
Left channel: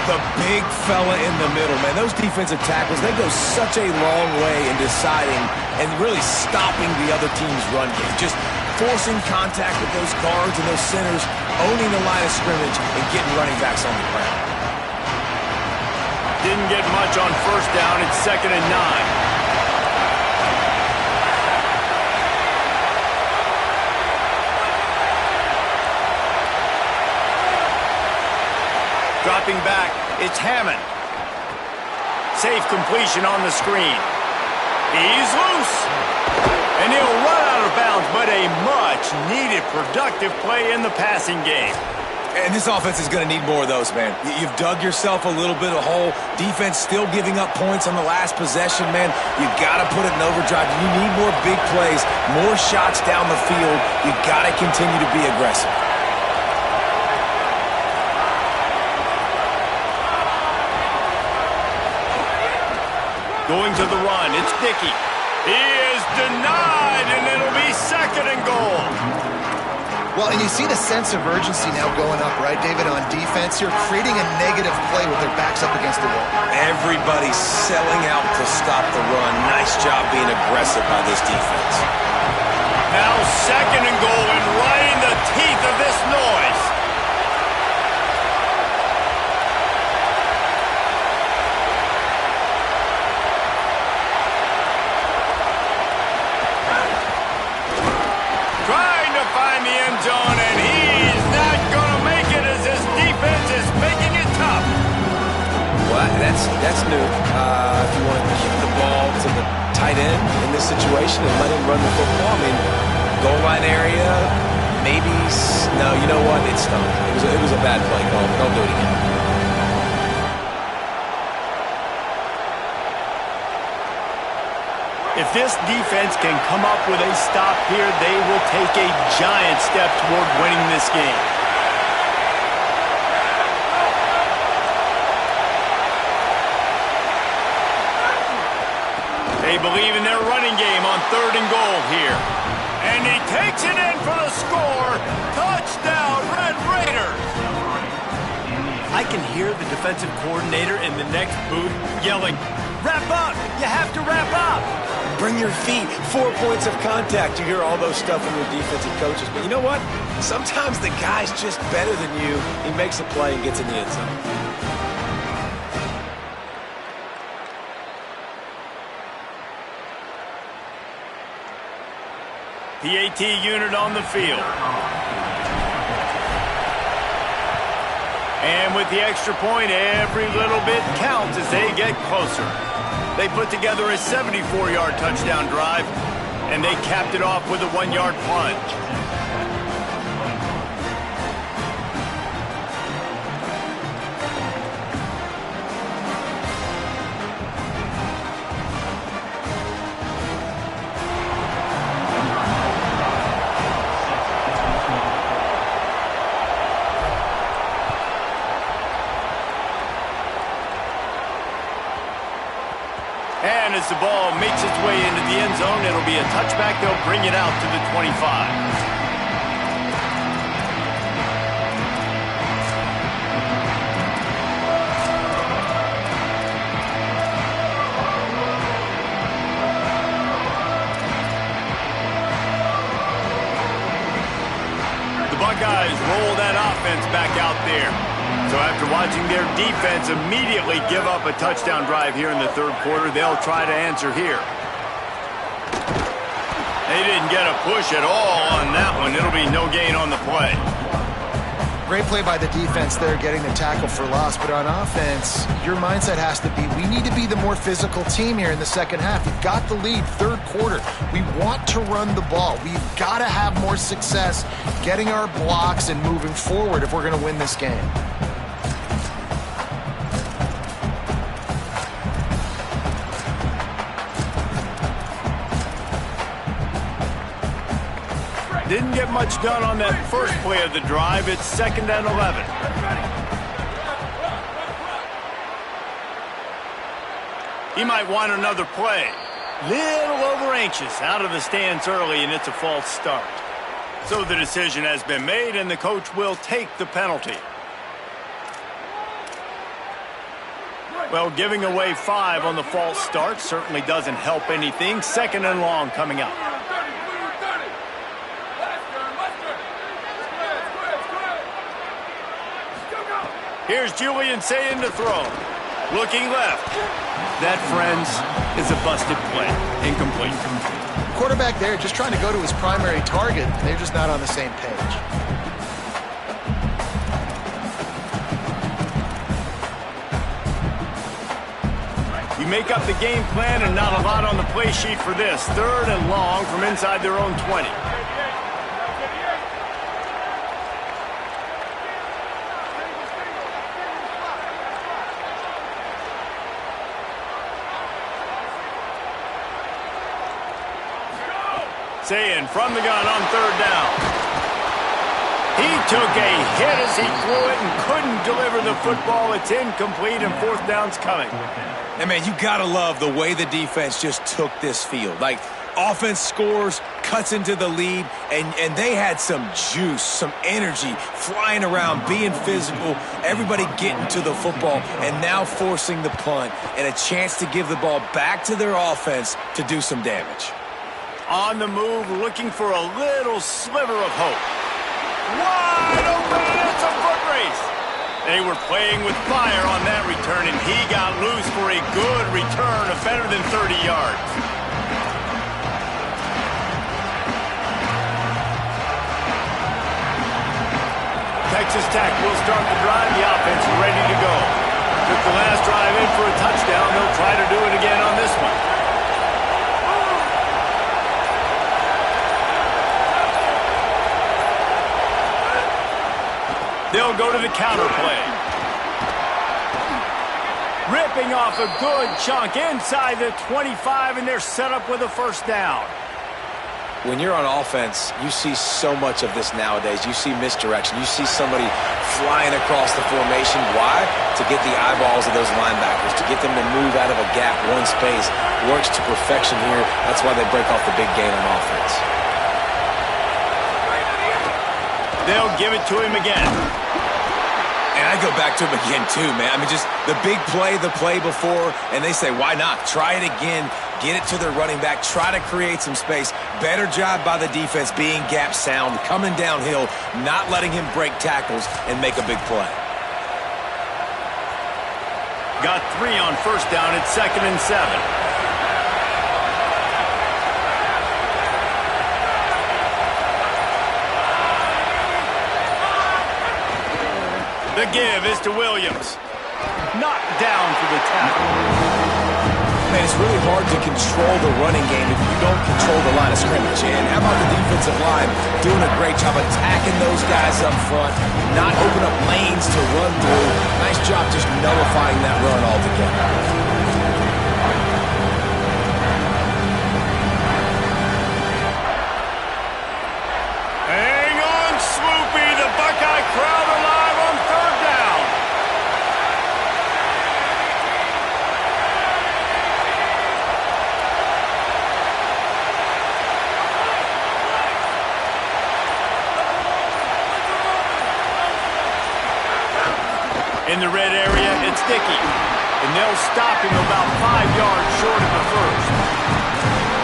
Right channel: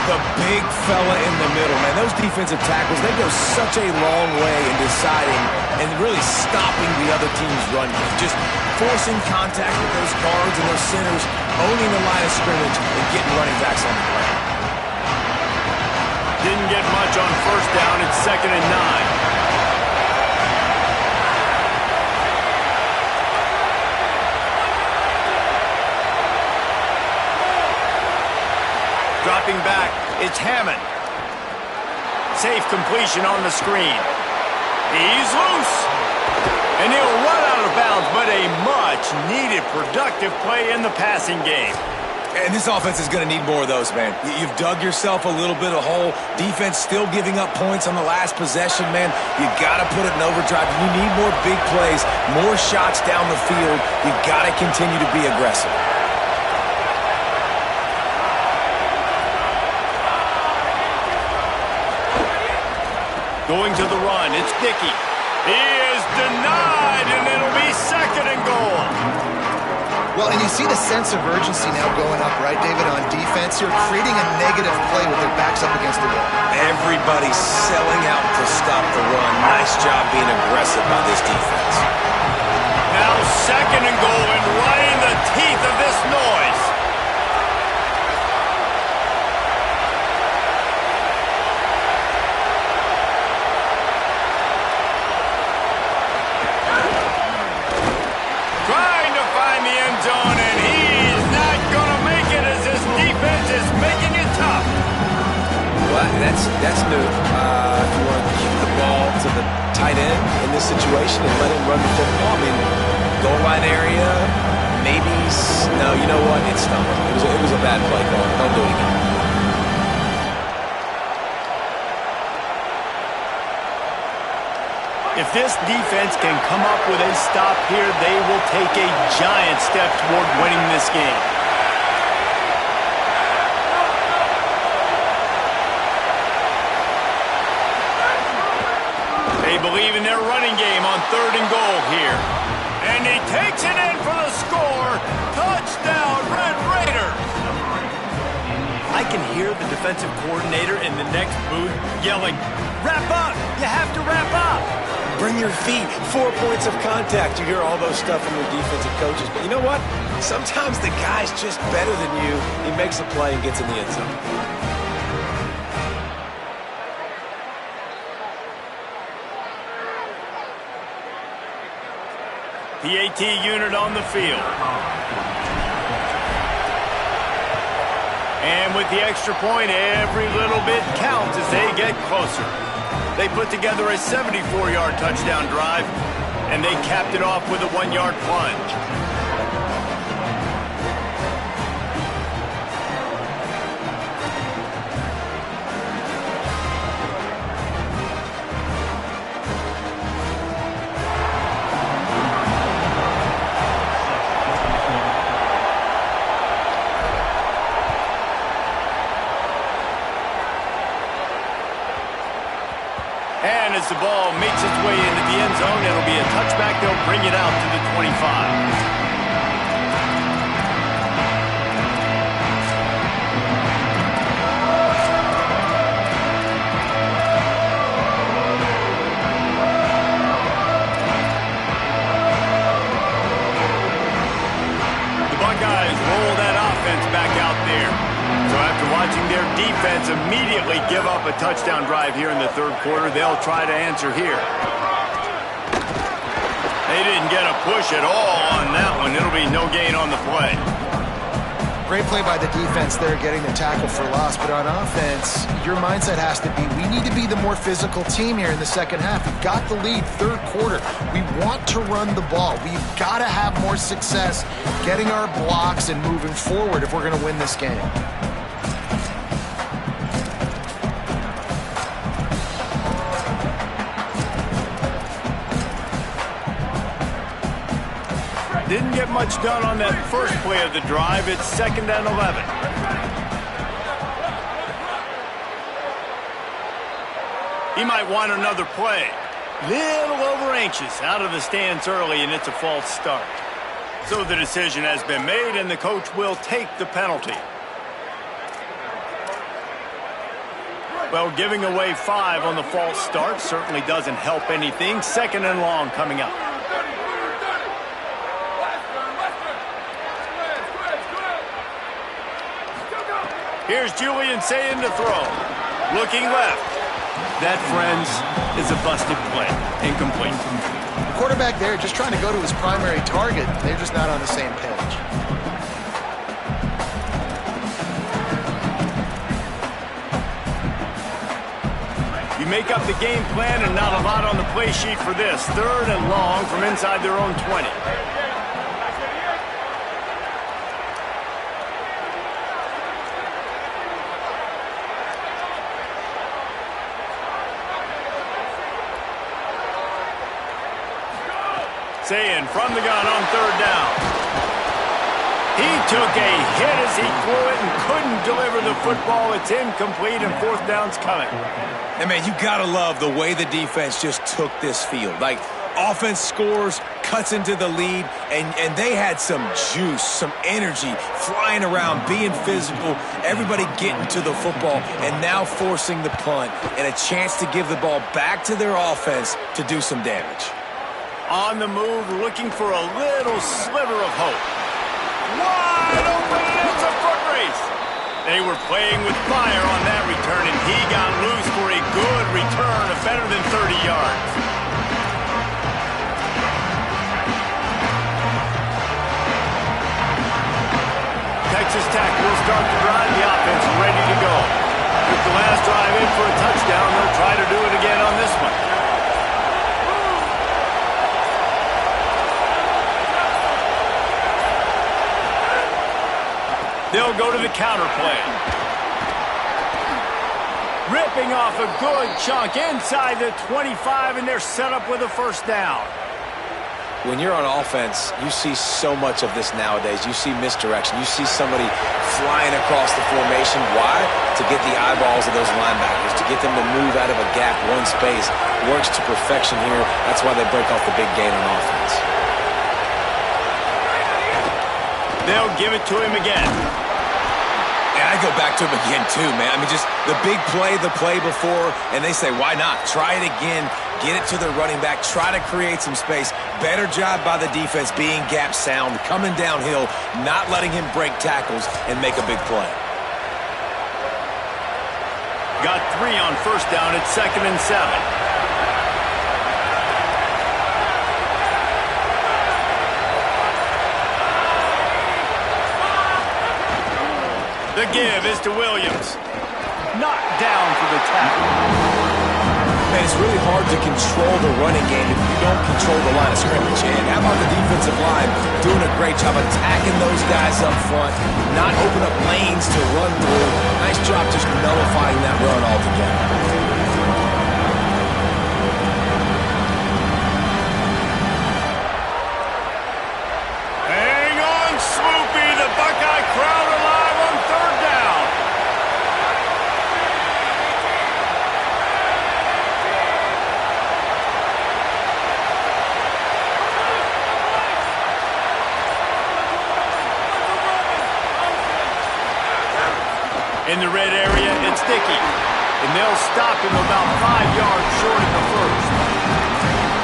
The big fella in the middle, man. Those defensive tackles, they go such a long way in deciding and really stopping the other team's run game. Just forcing contact with those guards and those centers, owning the line of scrimmage, and getting running backs on the ground. Didn't get much on 1st down. It's 2nd and 9. Dropping back, it's Hammond. Safe completion on the screen. He's loose. And he'll run out of bounds, but a much-needed productive play in the passing game. And this offense is going to need more of those, man. You've dug yourself a little bit of hole. Defense still giving up points on the last possession, man. You got to put it in overdrive. You need more big plays, more shots down the field. You got to continue to be aggressive. Going to the run, it's Dickey. He is denied, and it'll be 2nd and goal. Well, and you see the sense of urgency now going up, right, David, on defense. You're creating a negative play with their backs up against the wall. Everybody's selling out to stop the run. Nice job being aggressive by this defense. Now 2nd and goal, and right in the teeth of this noise. Trying to find the end zone, and he's not going to make it as his defense is making it tough. Well, that's new. If you want to keep the ball to the tight end in this situation and let him run the football, I mean, goal line area, maybe. No, you know what? It's stunk. It was a bad play call. Don't do it again. If this defense can come up with a stop here, they will take a giant step toward winning this game. They believe in their running game on 3rd and goal here. And he takes it in for the score. Touchdown, Red Raiders! I can hear the defensive coordinator in the next booth yelling, "Wrap up! You have to wrap up!" Bring your feet. 4 points of contact. You hear all those stuff from your defensive coaches. But you know what? Sometimes the guy's just better than you. He makes a play and gets in the end zone. PAT unit on the field. And with the extra point, every little bit counts as they get closer. They put together a 74-yard touchdown drive, and they capped it off with a 1-yard plunge. And as the ball makes its way into the end zone, it'll be a touchback. They'll bring it out to the 25. The Buckeyes roll that offense back out there. So after watching their defense immediately give up a touchdown drive here in the 3rd quarter, they'll try to answer here. They didn't get a push at all on that one. It'll be no gain on the play. Great play by the defense there, getting the tackle for loss. But on offense, your mindset has to be, we need to be the more physical team here in the second half. We've got the lead, 3rd quarter. We want to run the ball. We've got to have more success getting our blocks and moving forward if we're going to win this game. Didn't get much done on that first play of the drive. It's 2nd and 11. He might want another play. Little over anxious, out of the stance early, and it's a false start. So the decision has been made, and the coach will take the penalty. Well, giving away 5 on the false start certainly doesn't help anything. 2nd and long coming up. Here's Julian saying to throw. Looking left. That, friends, is a busted play. Incomplete. The quarterback there just trying to go to his primary target. They're just not on the same page. You make up the game plan and not a lot on the play sheet for this. 3rd and long from inside their own 20. Saying from the gun on 3rd down. He took a hit as he threw it and couldn't deliver the football. It's incomplete, and fourth down's coming. And, man, you got to love the way the defense just took this field. Like, offense scores, cuts into the lead, and they had some juice, some energy, flying around, being physical, everybody getting to the football, and now forcing the punt and a chance to give the ball back to their offense to do some damage. On the move, looking for a little sliver of hope. Wide open, and it's a foot race. They were playing with fire on that return, and he got loose for a good return of better than 30 yards. Texas Tech will start the drive. The offense is ready to go. Took the last drive in for a touchdown. They'll try to do it again on this one. They'll go to the counter play. Ripping off a good chunk inside the 25, and they're set up with a first down. When you're on offense, you see so much of this nowadays. You see misdirection. You see somebody flying across the formation. Why? To get the eyeballs of those linebackers, to get them to move out of a gap, one space. Works to perfection here. That's why they break off the big gain on offense. They'll give it to him again. And I go back to him again, too, man. I mean, just the big play, the play before, and they say, why not? Try it again. Get it to their running back. Try to create some space. Better job by the defense being gap sound, coming downhill, not letting him break tackles and make a big play. Got 3 on first down. It's 2nd and 7. The give is to Williams. Knocked down for the tackle. Man, it's really hard to control the running game if you don't control the line of scrimmage. And how about the defensive line doing a great job attacking those guys up front, not open up lanes to run through. Nice job just nullifying that run altogether. Hang on, Swoopy. The Buckeye crowd alive on 3rd down. In the red area, it's Dickey. And they'll stop him about 5 yards short of the first.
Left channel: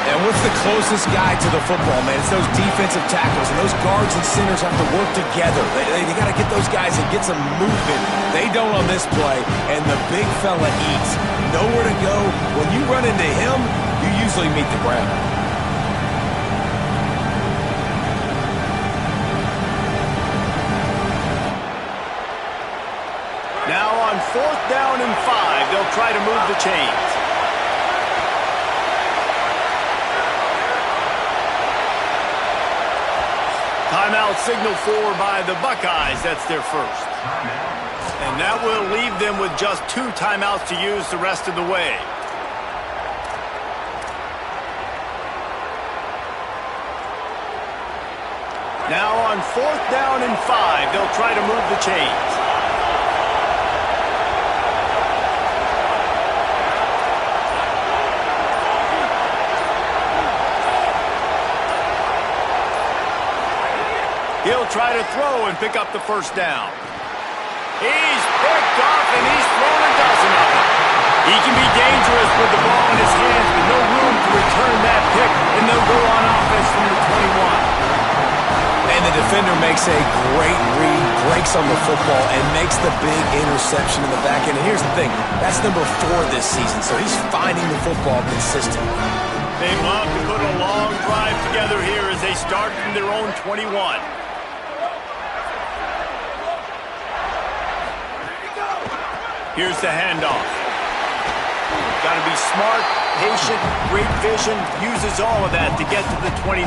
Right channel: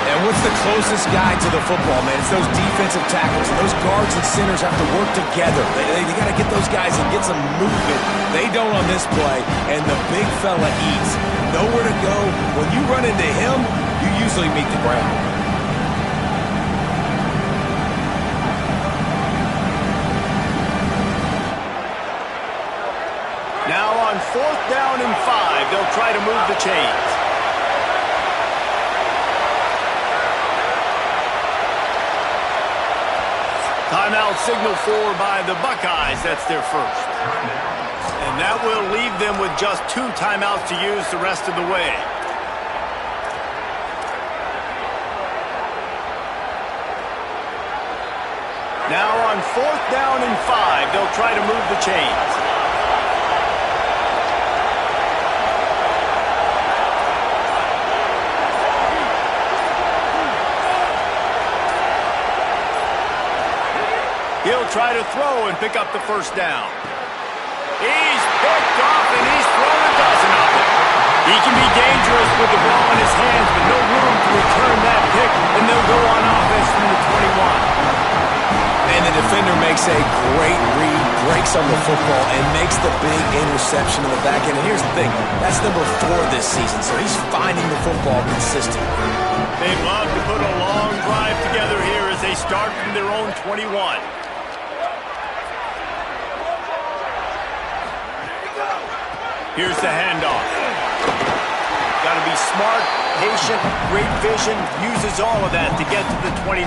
And what's the closest guy to the football, man? It's those defensive tackles, and those guards and centers have to work together. They got to get those guys and get some movement. They don't on this play, and the big fella eats. Nowhere to go. When you run into him, you usually meet the ground. Now on 4th down and 5, they'll try to move the chains. Timeout signal for by the Buckeyes. That's their first. And that will leave them with just 2 timeouts to use the rest of the way. Now on 4th down and 5, they'll try to move the chains. He'll try to throw and pick up the first down. He's picked off, and he's thrown a dozen of them. He can be dangerous with the ball in his hands, but no room to return that pick, and they'll go on offense from the 21. And the defender makes a great read, breaks on the football, and makes the big interception in the back end. And here's the thing, that's number 4 this season, so he's finding the football consistently. They'd love to put a long drive together here as they start from their own 21. Here's the handoff. Got to be smart, patient, great vision, uses all of that to get to the 29.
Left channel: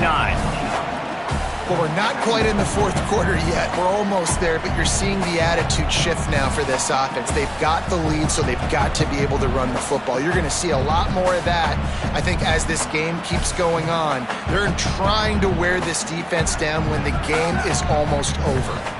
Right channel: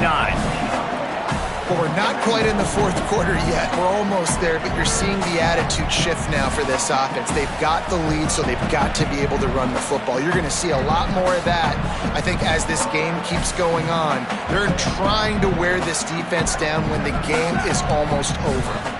Well, we're not quite in the fourth quarter yet. We're almost there, but you're seeing the attitude shift now for this offense. They've got the lead, so they've got to be able to run the football. You're going to see a lot more of that, I think, as this game keeps going on. They're trying to wear this defense down when the game is almost over.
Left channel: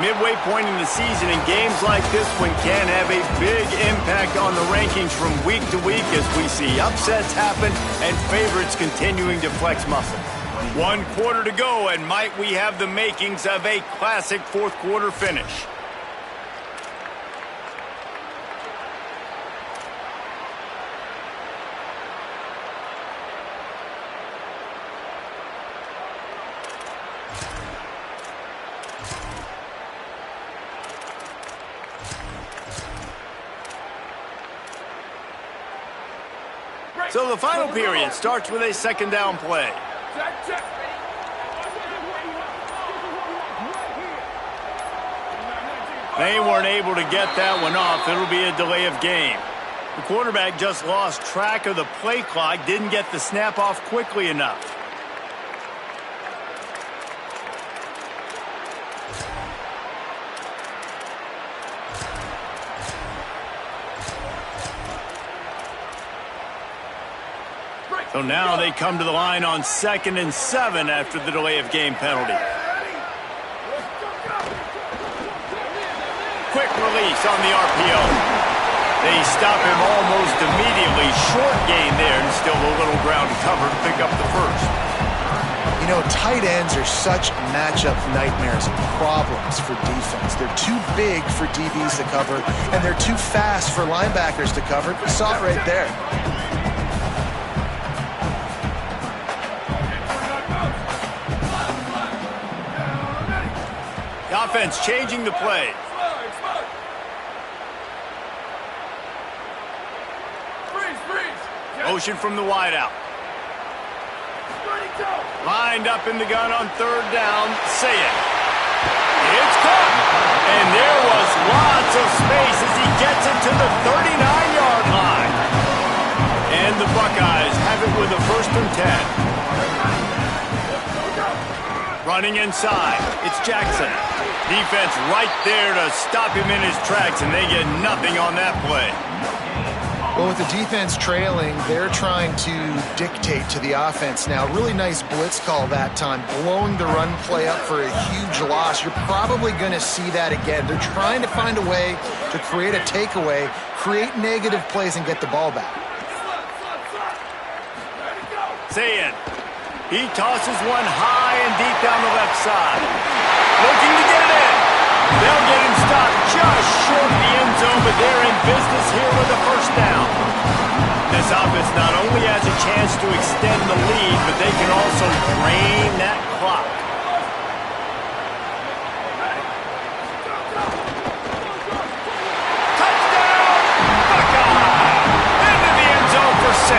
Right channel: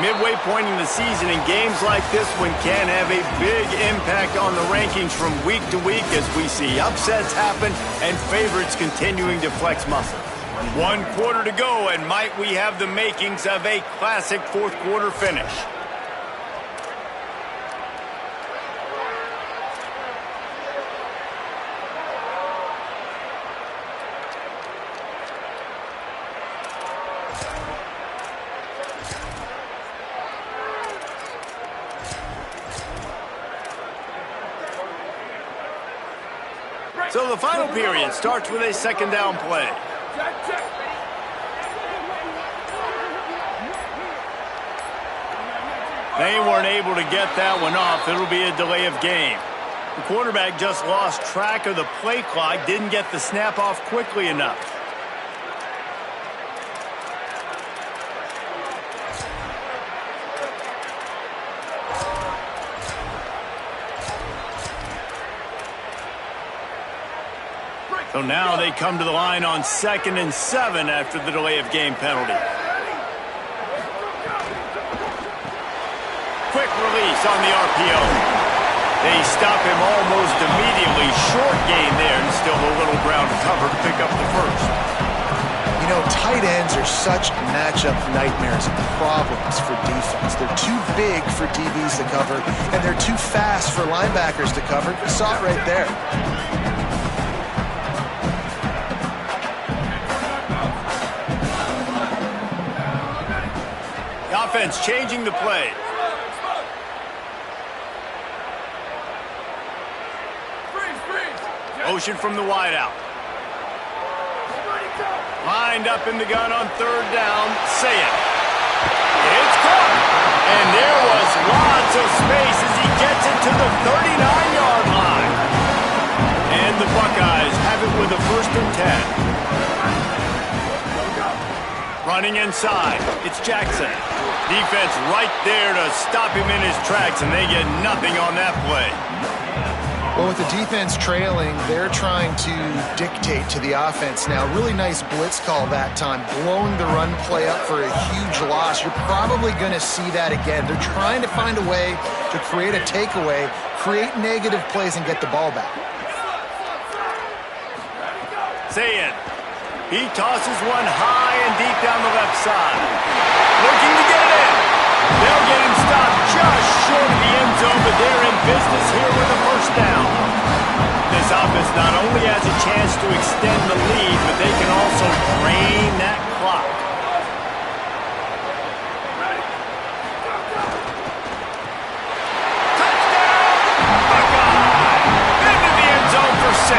Midway point in the season, and games like this one can have a big impact on the rankings from week to week as we see upsets happen and favorites continuing to flex muscle. 1 quarter to go, and might we have the makings of a classic fourth quarter finish. So the final period starts with a second down play. Check, check. They weren't able to get that one off. It'll be a delay of game. The quarterback just lost track of the play clock, didn't get the snap off quickly enough. So now they come to the line on 2nd and 7 after the delay of game penalty. Quick release on the RPO. They stop him almost immediately. Short gain there, and still a little ground to cover to pick up the first. You know, tight ends are such matchup nightmares and problems for defense. They're too big for DBs to cover, and they're too fast for linebackers to cover. You saw it right there. The offense changing the play. Motion from the wideout. Lined up in the gun on 3rd down. Say it. It's caught. And there was lots of space as he gets it to the 39-yard line. And the Buckeyes have it with a 1st and 10. Running inside. It's Jackson. Defense right there to stop him in his tracks, and they get nothing on that play. Well, with the defense trailing, they're trying to dictate to the offense now. Really nice blitz call that time, blowing the run play up for a huge loss. You're probably going to see that again. They're trying to find a way to create a takeaway, create negative plays, and get the ball back. Say it. He tosses one high and deep down the left side. Looking to get it in. They'll get him stopped just short of the end zone, but they're in business here with a 1st down. This offense not only has a chance to extend the lead, but they can also drain that clock. Touchdown, Buckeye! Into the end zone for 6.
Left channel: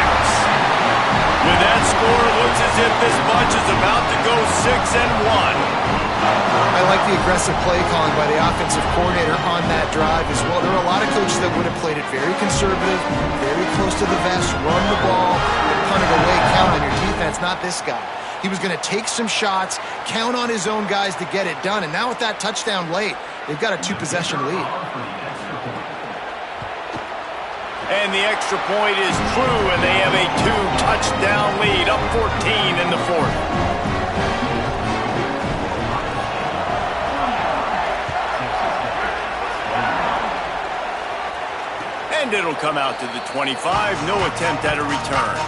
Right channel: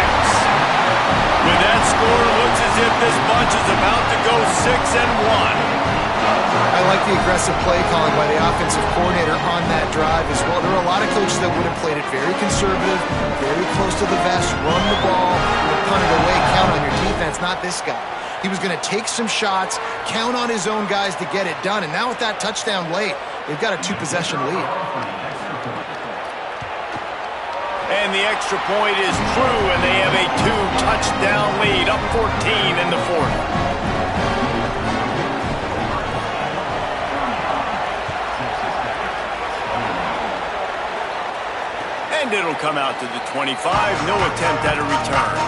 With that score, it looks as if this bunch is about to go 6-1. I like the aggressive play calling by the offensive coordinator on that drive as well. There are a lot of coaches that would have played it very conservative, very close to the vest, run the ball, and punt it away, count on your defense, not this guy. He was going to take some shots, count on his own guys to get it done, and now with that touchdown late, they've got a 2-possession lead. And the extra point is true, and they have a 2-touchdown lead, up 14 in the 4th. And it'll come out to the 25. No attempt at a return.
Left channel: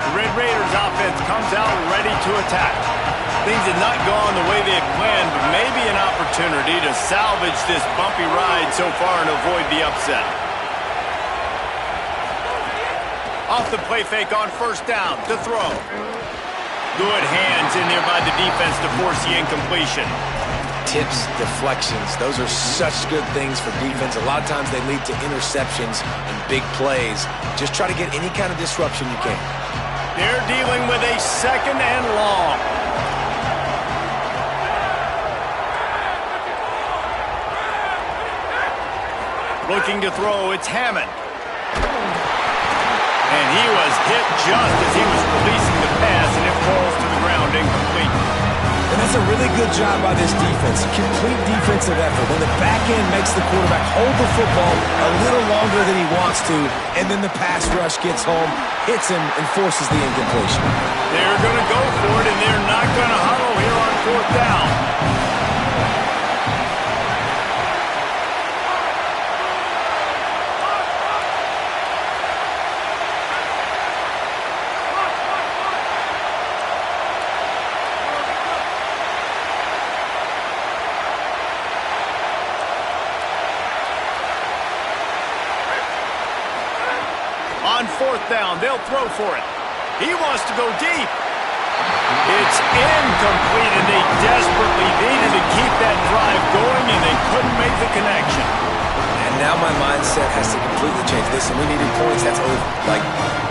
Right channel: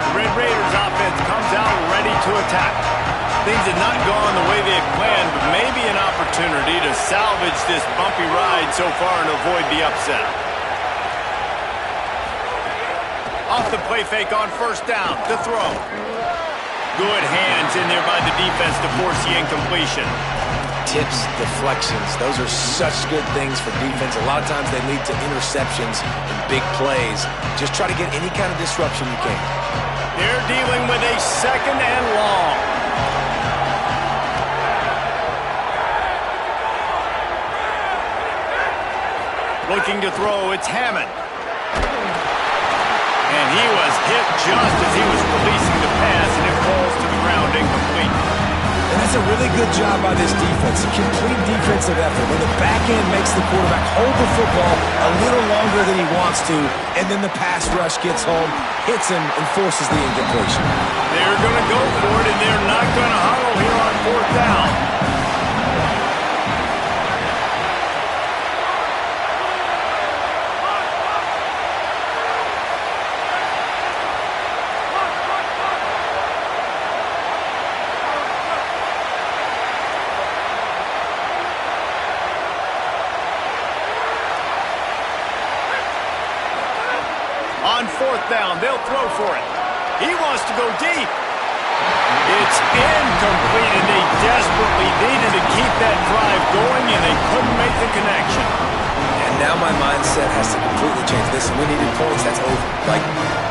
The Red Raiders offense comes out ready to attack. Things had not gone the way they had planned, but maybe an opportunity to salvage this bumpy ride so far and avoid the upset. Off the play fake on 1st down to throw. Good hands in there by the defense to force the incompletion. tips, deflections. Those are such good things for defense. A lot of times they lead to interceptions and big plays. Just try to get any kind of disruption you can. They're dealing with a 2nd and long. Looking to throw, it's Hammond. And he was hit just as he was releasing the pass, and it falls to the ground incomplete. And that's a really good job by this defense. A complete defensive effort. When the back end makes the quarterback hold the football a little longer than he wants to, and then the pass rush gets home, hits him, and forces the incompletion. They're going to go for it, and they're not going to huddle here on 4th down. On 4th down, they'll throw for it. He wants to go deep. It's incomplete, and they desperately needed to keep that drive going, and they couldn't make the connection. And now my mindset has to completely change. Listen, we needed points. That's over. Like,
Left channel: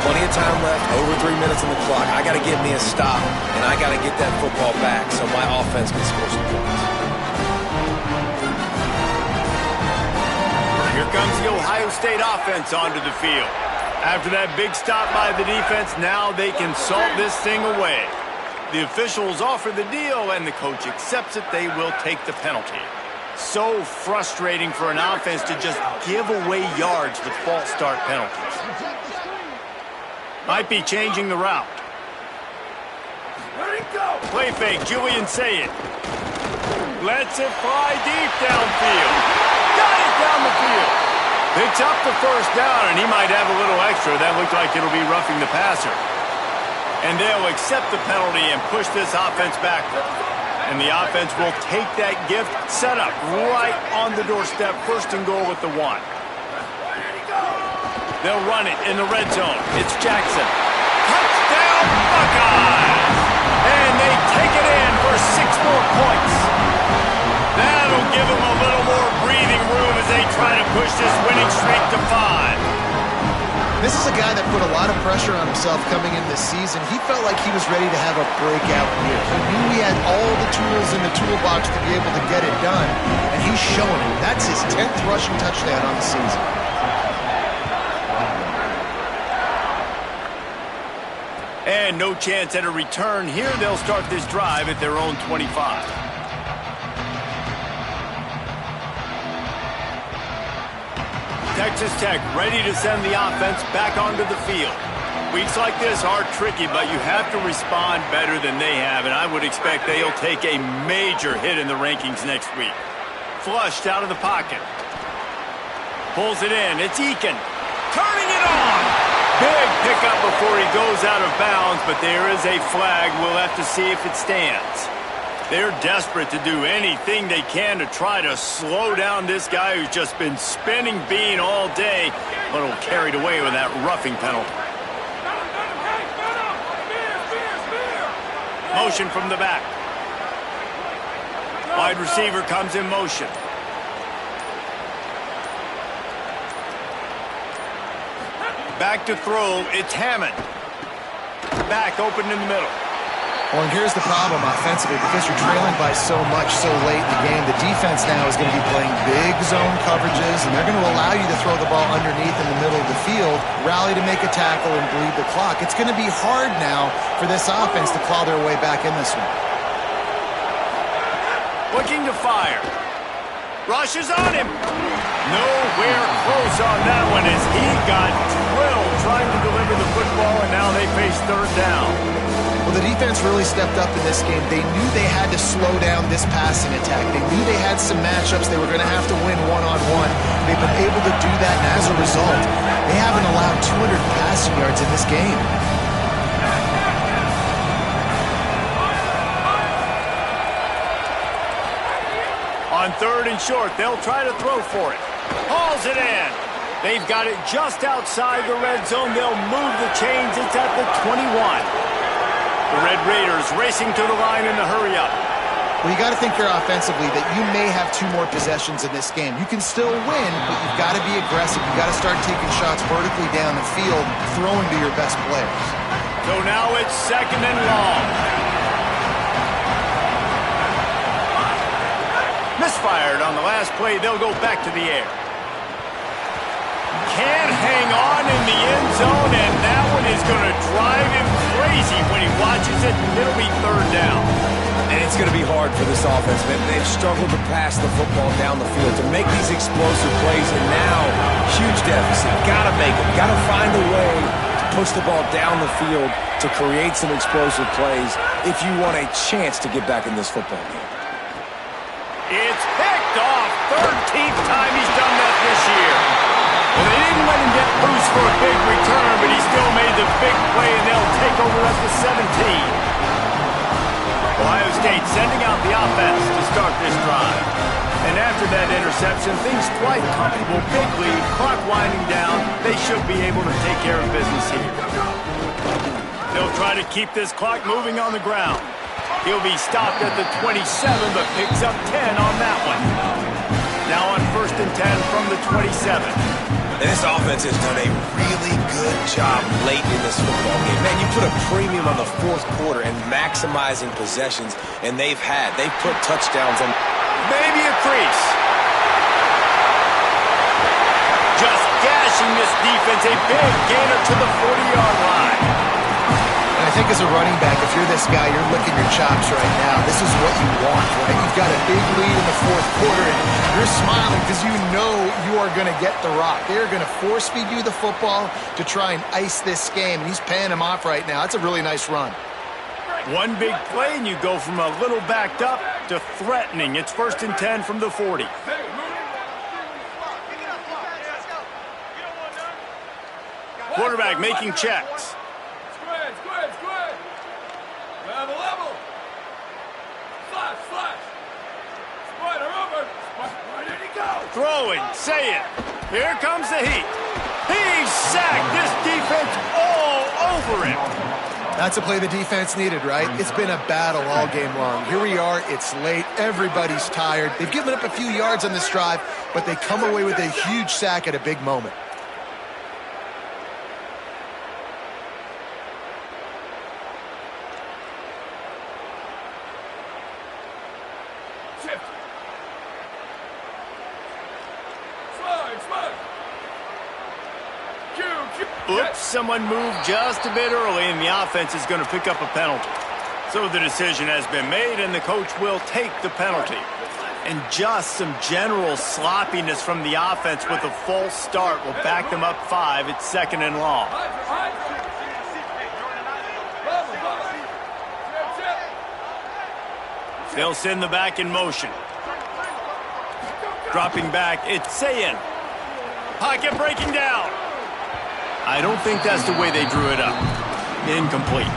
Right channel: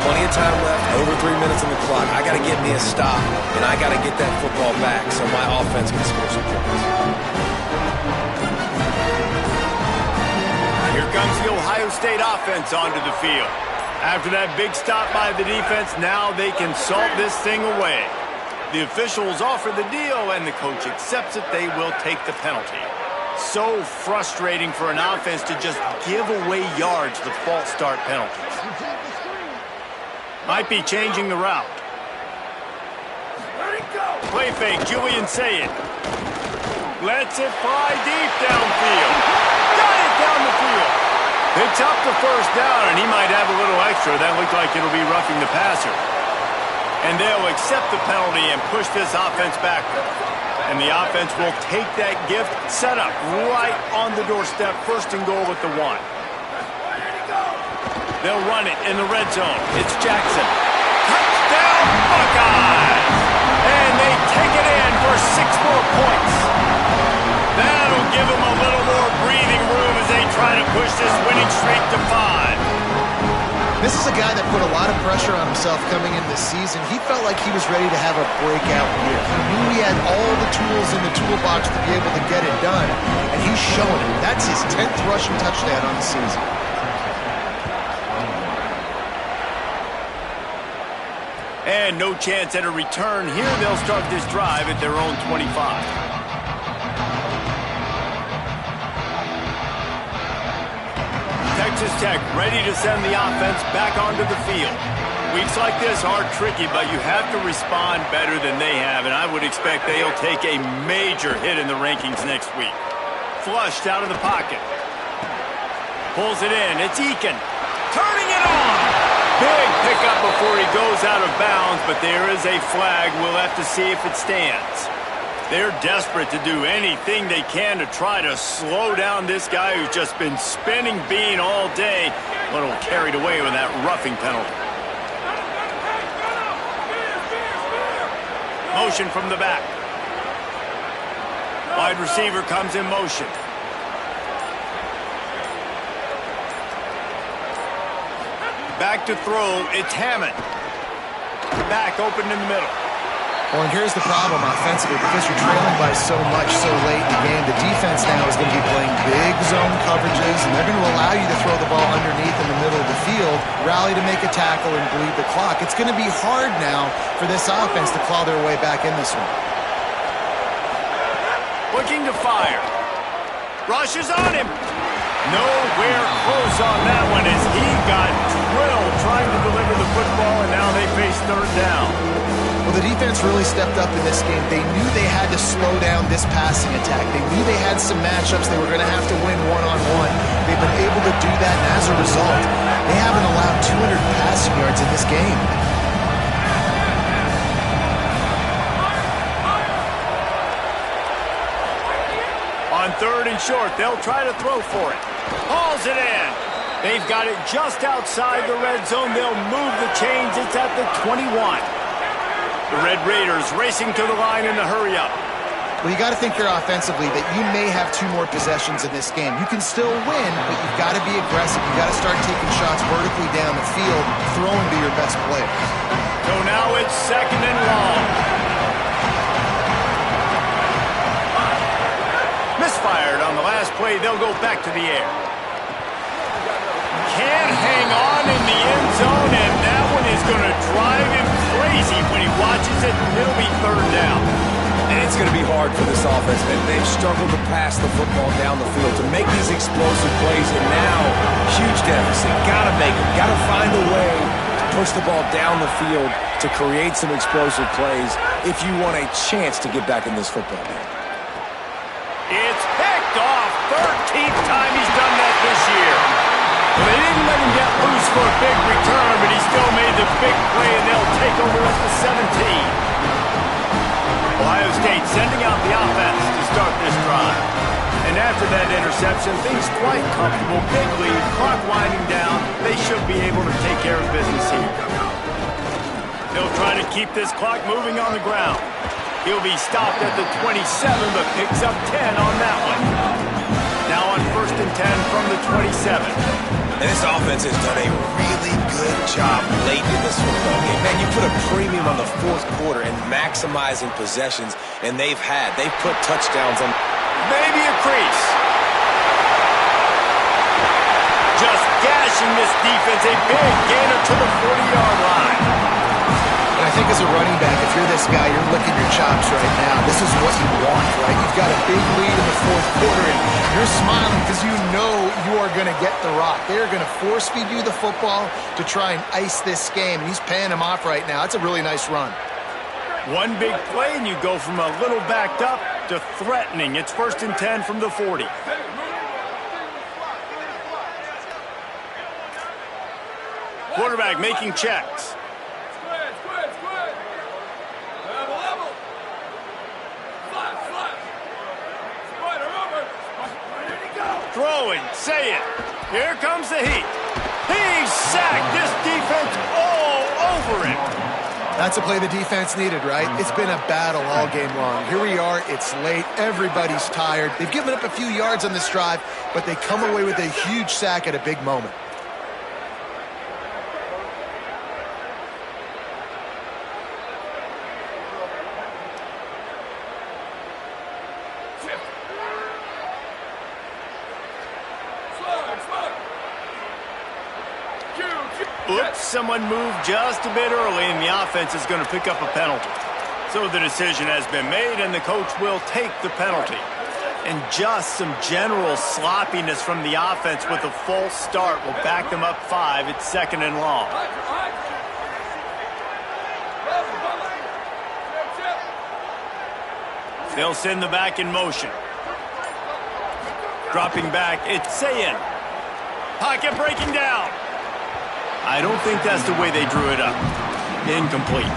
plenty of time left, over 3 minutes on the clock. I got to get me a stop, and I got to get that football back so my offense can score some points. Here comes the Ohio State offense onto the field. After that big stop by the defense, now they can salt this thing away. The officials offer the deal, and the coach accepts it. They will take the penalty. So frustrating for an offense to just give away yards with false start penalties. Might be changing the route. Let it go. Play fake, Julian Sayed. Lets it fly deep downfield. Got it down the field. Picks up the 1st down, and he might have a little extra. That looked like it'll be roughing the passer. And they'll accept the penalty and push this offense backward. And the offense will take that gift, set up right on the doorstep, 1st and goal with the 1. They'll run it in the red zone. It's Jackson. Touchdown, Buckeyes! And they take it in for 6 more points. That'll give them a little more breathing room as they try to push this winning streak to 5. This is a guy that put a lot of pressure on himself coming in this season. He felt like he was ready to have a breakout year. He knew he had all the tools in the toolbox to be able to get it done, and he's showing it. That's his 10th rushing touchdown on the season. And no chance at a return here. They'll start this drive at their own 25. Texas Tech ready to send the offense back onto the field. Weeks like this are tricky, but you have to respond better than they have, and I would expect they'll take a major hit in the rankings next week. Flushed out of the pocket. Pulls it in. It's Eakin. Turning it on. Big pickup before he goes out of bounds, but there is a flag. We'll have to see if it stands. They're desperate to do anything they can to try to slow down this guy who's just been spinning bean all day, a little carried away with that roughing penalty. Motion from the back. Wide receiver comes in motion. Back to throw, it's Hammond. Back open in the middle. Well, and here's the problem offensively. Because you're trailing by so much so late in the game, the defense now is going to be playing big zone coverages, and they're going to allow you to throw the ball underneath in the middle of the field, rally to make a tackle, and bleed the clock. It's going to be hard now for this offense to claw their way back in this one. Looking to fire. Rushes on him. Nowhere close on that one as he got drilled trying to deliver the football, and now they face 3rd down. Well, the defense really stepped up in this game. They knew they had to slow down this passing attack. They knew they had some matchups they were going to have to win one-on-one. They've been able to do that, and as a result, they haven't allowed 200 passing yards in this game. On 3rd and short, they'll try to throw for it. Hauls it in. They've got it just outside the red zone. They'll move the chains. It's at the 21. The Red Raiders racing to the line in the hurry-up. Well, you got to think here offensively that you may have 2 more possessions in this game. You can still win, but you've got to be aggressive. You've got to start taking shots vertically down the field, throwing to your best players. So now it's 2nd and long. Misfired on the last play. They'll go back to the air. Can't hang on in the end zone, and that one is going to drive him crazy when he watches it. It'll be 3rd down. And it's going to be hard for this offense, man. They've struggled to pass the football down the field, to make these explosive plays, and now, huge deficit. Got to make them. Got to find a way to push the ball down the field to create some explosive plays if you want a chance to get back in this football game. It's picked off. 13th time he's done that this year. Well, they didn't let him get loose for a big return, but he still made the big play, and they'll take over at the 17. Ohio State sending out the offense to start this drive. And after that interception, things quite comfortable. Big lead, clock winding down. They should be able to take care of business here. They'll try to keep this clock moving on the ground. He'll be stopped at the 27, but picks up 10 on that one. Now on 1st and 10 from the 27. And this offense has done a really good job late in this football game. Man, you put a premium on the 4th quarter and maximizing possessions, and they've put touchdowns on. Maybe a crease. Just gashing this defense. A big gainer to the 40-yard line. And I think as a running back, if you're this guy, you're licking your chops right now. This is what you want, right? You've got a big lead in the 4th quarter, and you're smiling because you know you are going to get the rock. They're going to force-feed you the football to try and ice this game, and he's paying him off right now. That's a really nice run. One big play, and you go from a little backed up to threatening. It's 1st and 10 from the 40. Quarterback making checks. Squid. Level. Flash. Spider over. Where did he go? Throwing, say it. Here comes the heat. He's sacked. This defense all over him. That's a play the defense needed, right? It's been a battle all game long. Here we are. It's late. Everybody's tired. They've given up a few yards on this drive, but they come away with a huge sack at a big moment. Oops, someone moved just a bit early, and the offense is going to pick up a penalty. So the decision has been made, and the coach will take the penalty. And just some general sloppiness from the offense with a false start will back them up 5. It's 2nd and long. They'll send the back in motion. Dropping back, it's Sayin. Pocket breaking down. I don't think that's the way they drew it up. Incomplete.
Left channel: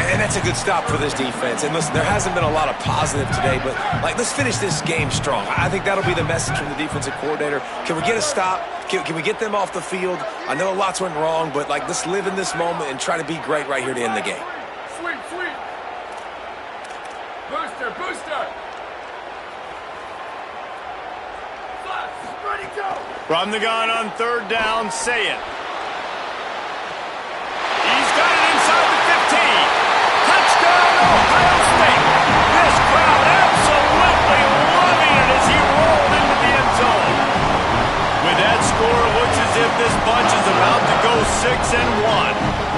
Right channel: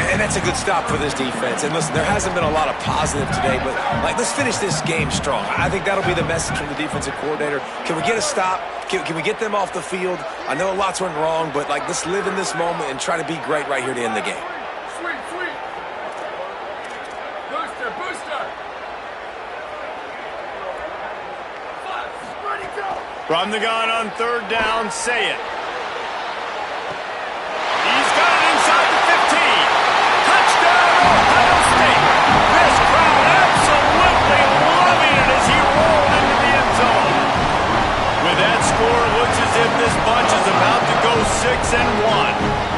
And that's a good stop for this defense. And listen, there hasn't been a lot of positive today, but let's finish this game strong. I think that'll be the message from the defensive coordinator. Can we get a stop? Can we get them off the field? I know lots went wrong, but let's live in this moment and try to be great right here to end the game. Sweet. Booster. Ready, go. From the gun on 3rd down, say it. He's got it inside the 15. Touchdown, Ohio State. This crowd absolutely loving it as he rolled into the end zone. With that score, it looks as if this bunch is about to go 6-1.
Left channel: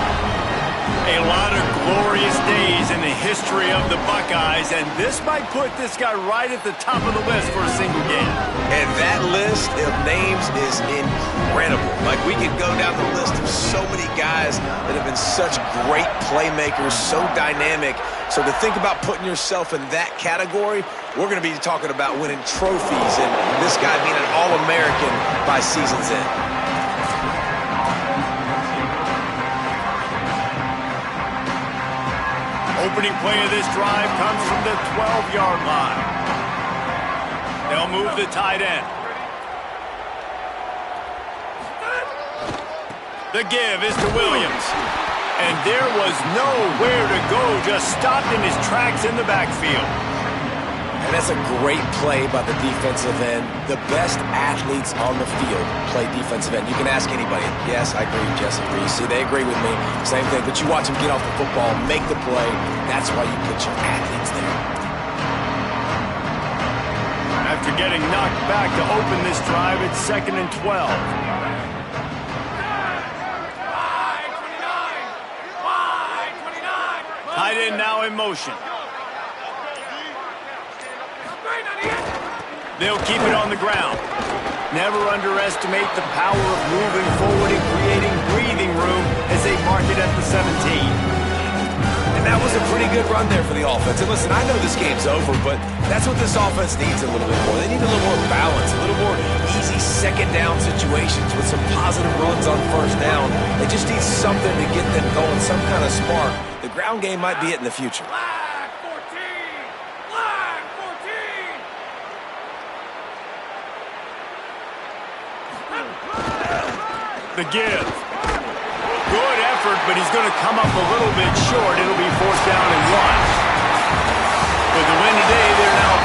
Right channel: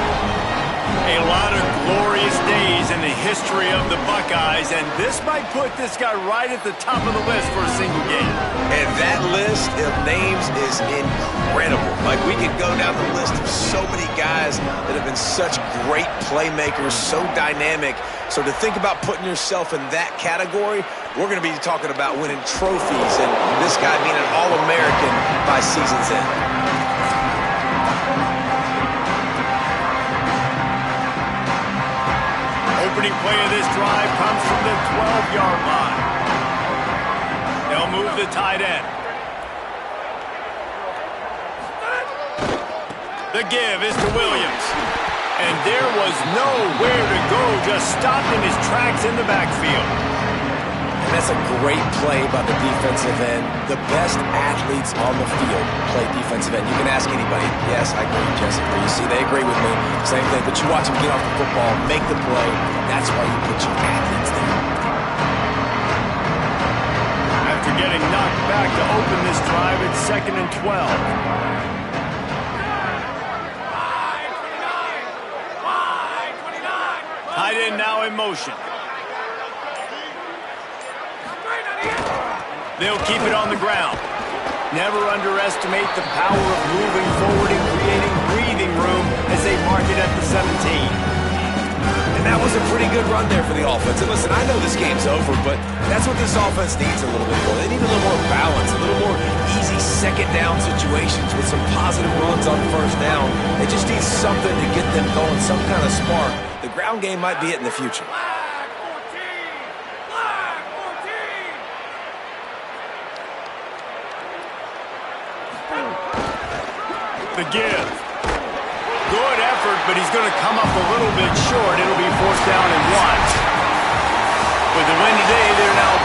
A lot of glorious days in the history of the Buckeyes, and this might put this guy right at the top of the list for a single game. And that list of names is incredible. We could go down the list of so many guys that have been such great playmakers, so dynamic. So to think about putting yourself in that category, we're going to be talking about winning trophies and this guy being an All-American by season's end. Opening play of this drive comes from the 12-yard line. They'll move the tight end. The give is to Williams. And there was nowhere to go, just stopped in his tracks in the backfield. And that's a great play by the defensive end. The best athletes on the field play defensive end. You can ask anybody. Yes, I agree, Jesse. You see, they agree with me. Same thing. But you watch them get off the football, make the play. That's why you put your athletes there. After getting knocked back to open this drive, it's 2nd and 12. Tight end now in motion. They'll keep it on the ground. Never underestimate the power of moving forward and creating breathing room as they mark it at the 17. And that was a pretty good run there for the offense. And listen, I know this game's over, but that's what this offense needs a little bit more. They need a little more balance, a little more easy second down situations with some positive runs on first down. They just need something to get them going, some kind of spark. The ground game might be it in the future. Flag 14! Flag 14! The give. Good effort, but he's going to come up a little bit short. It'll be 4th down and 1. With the win today, they're now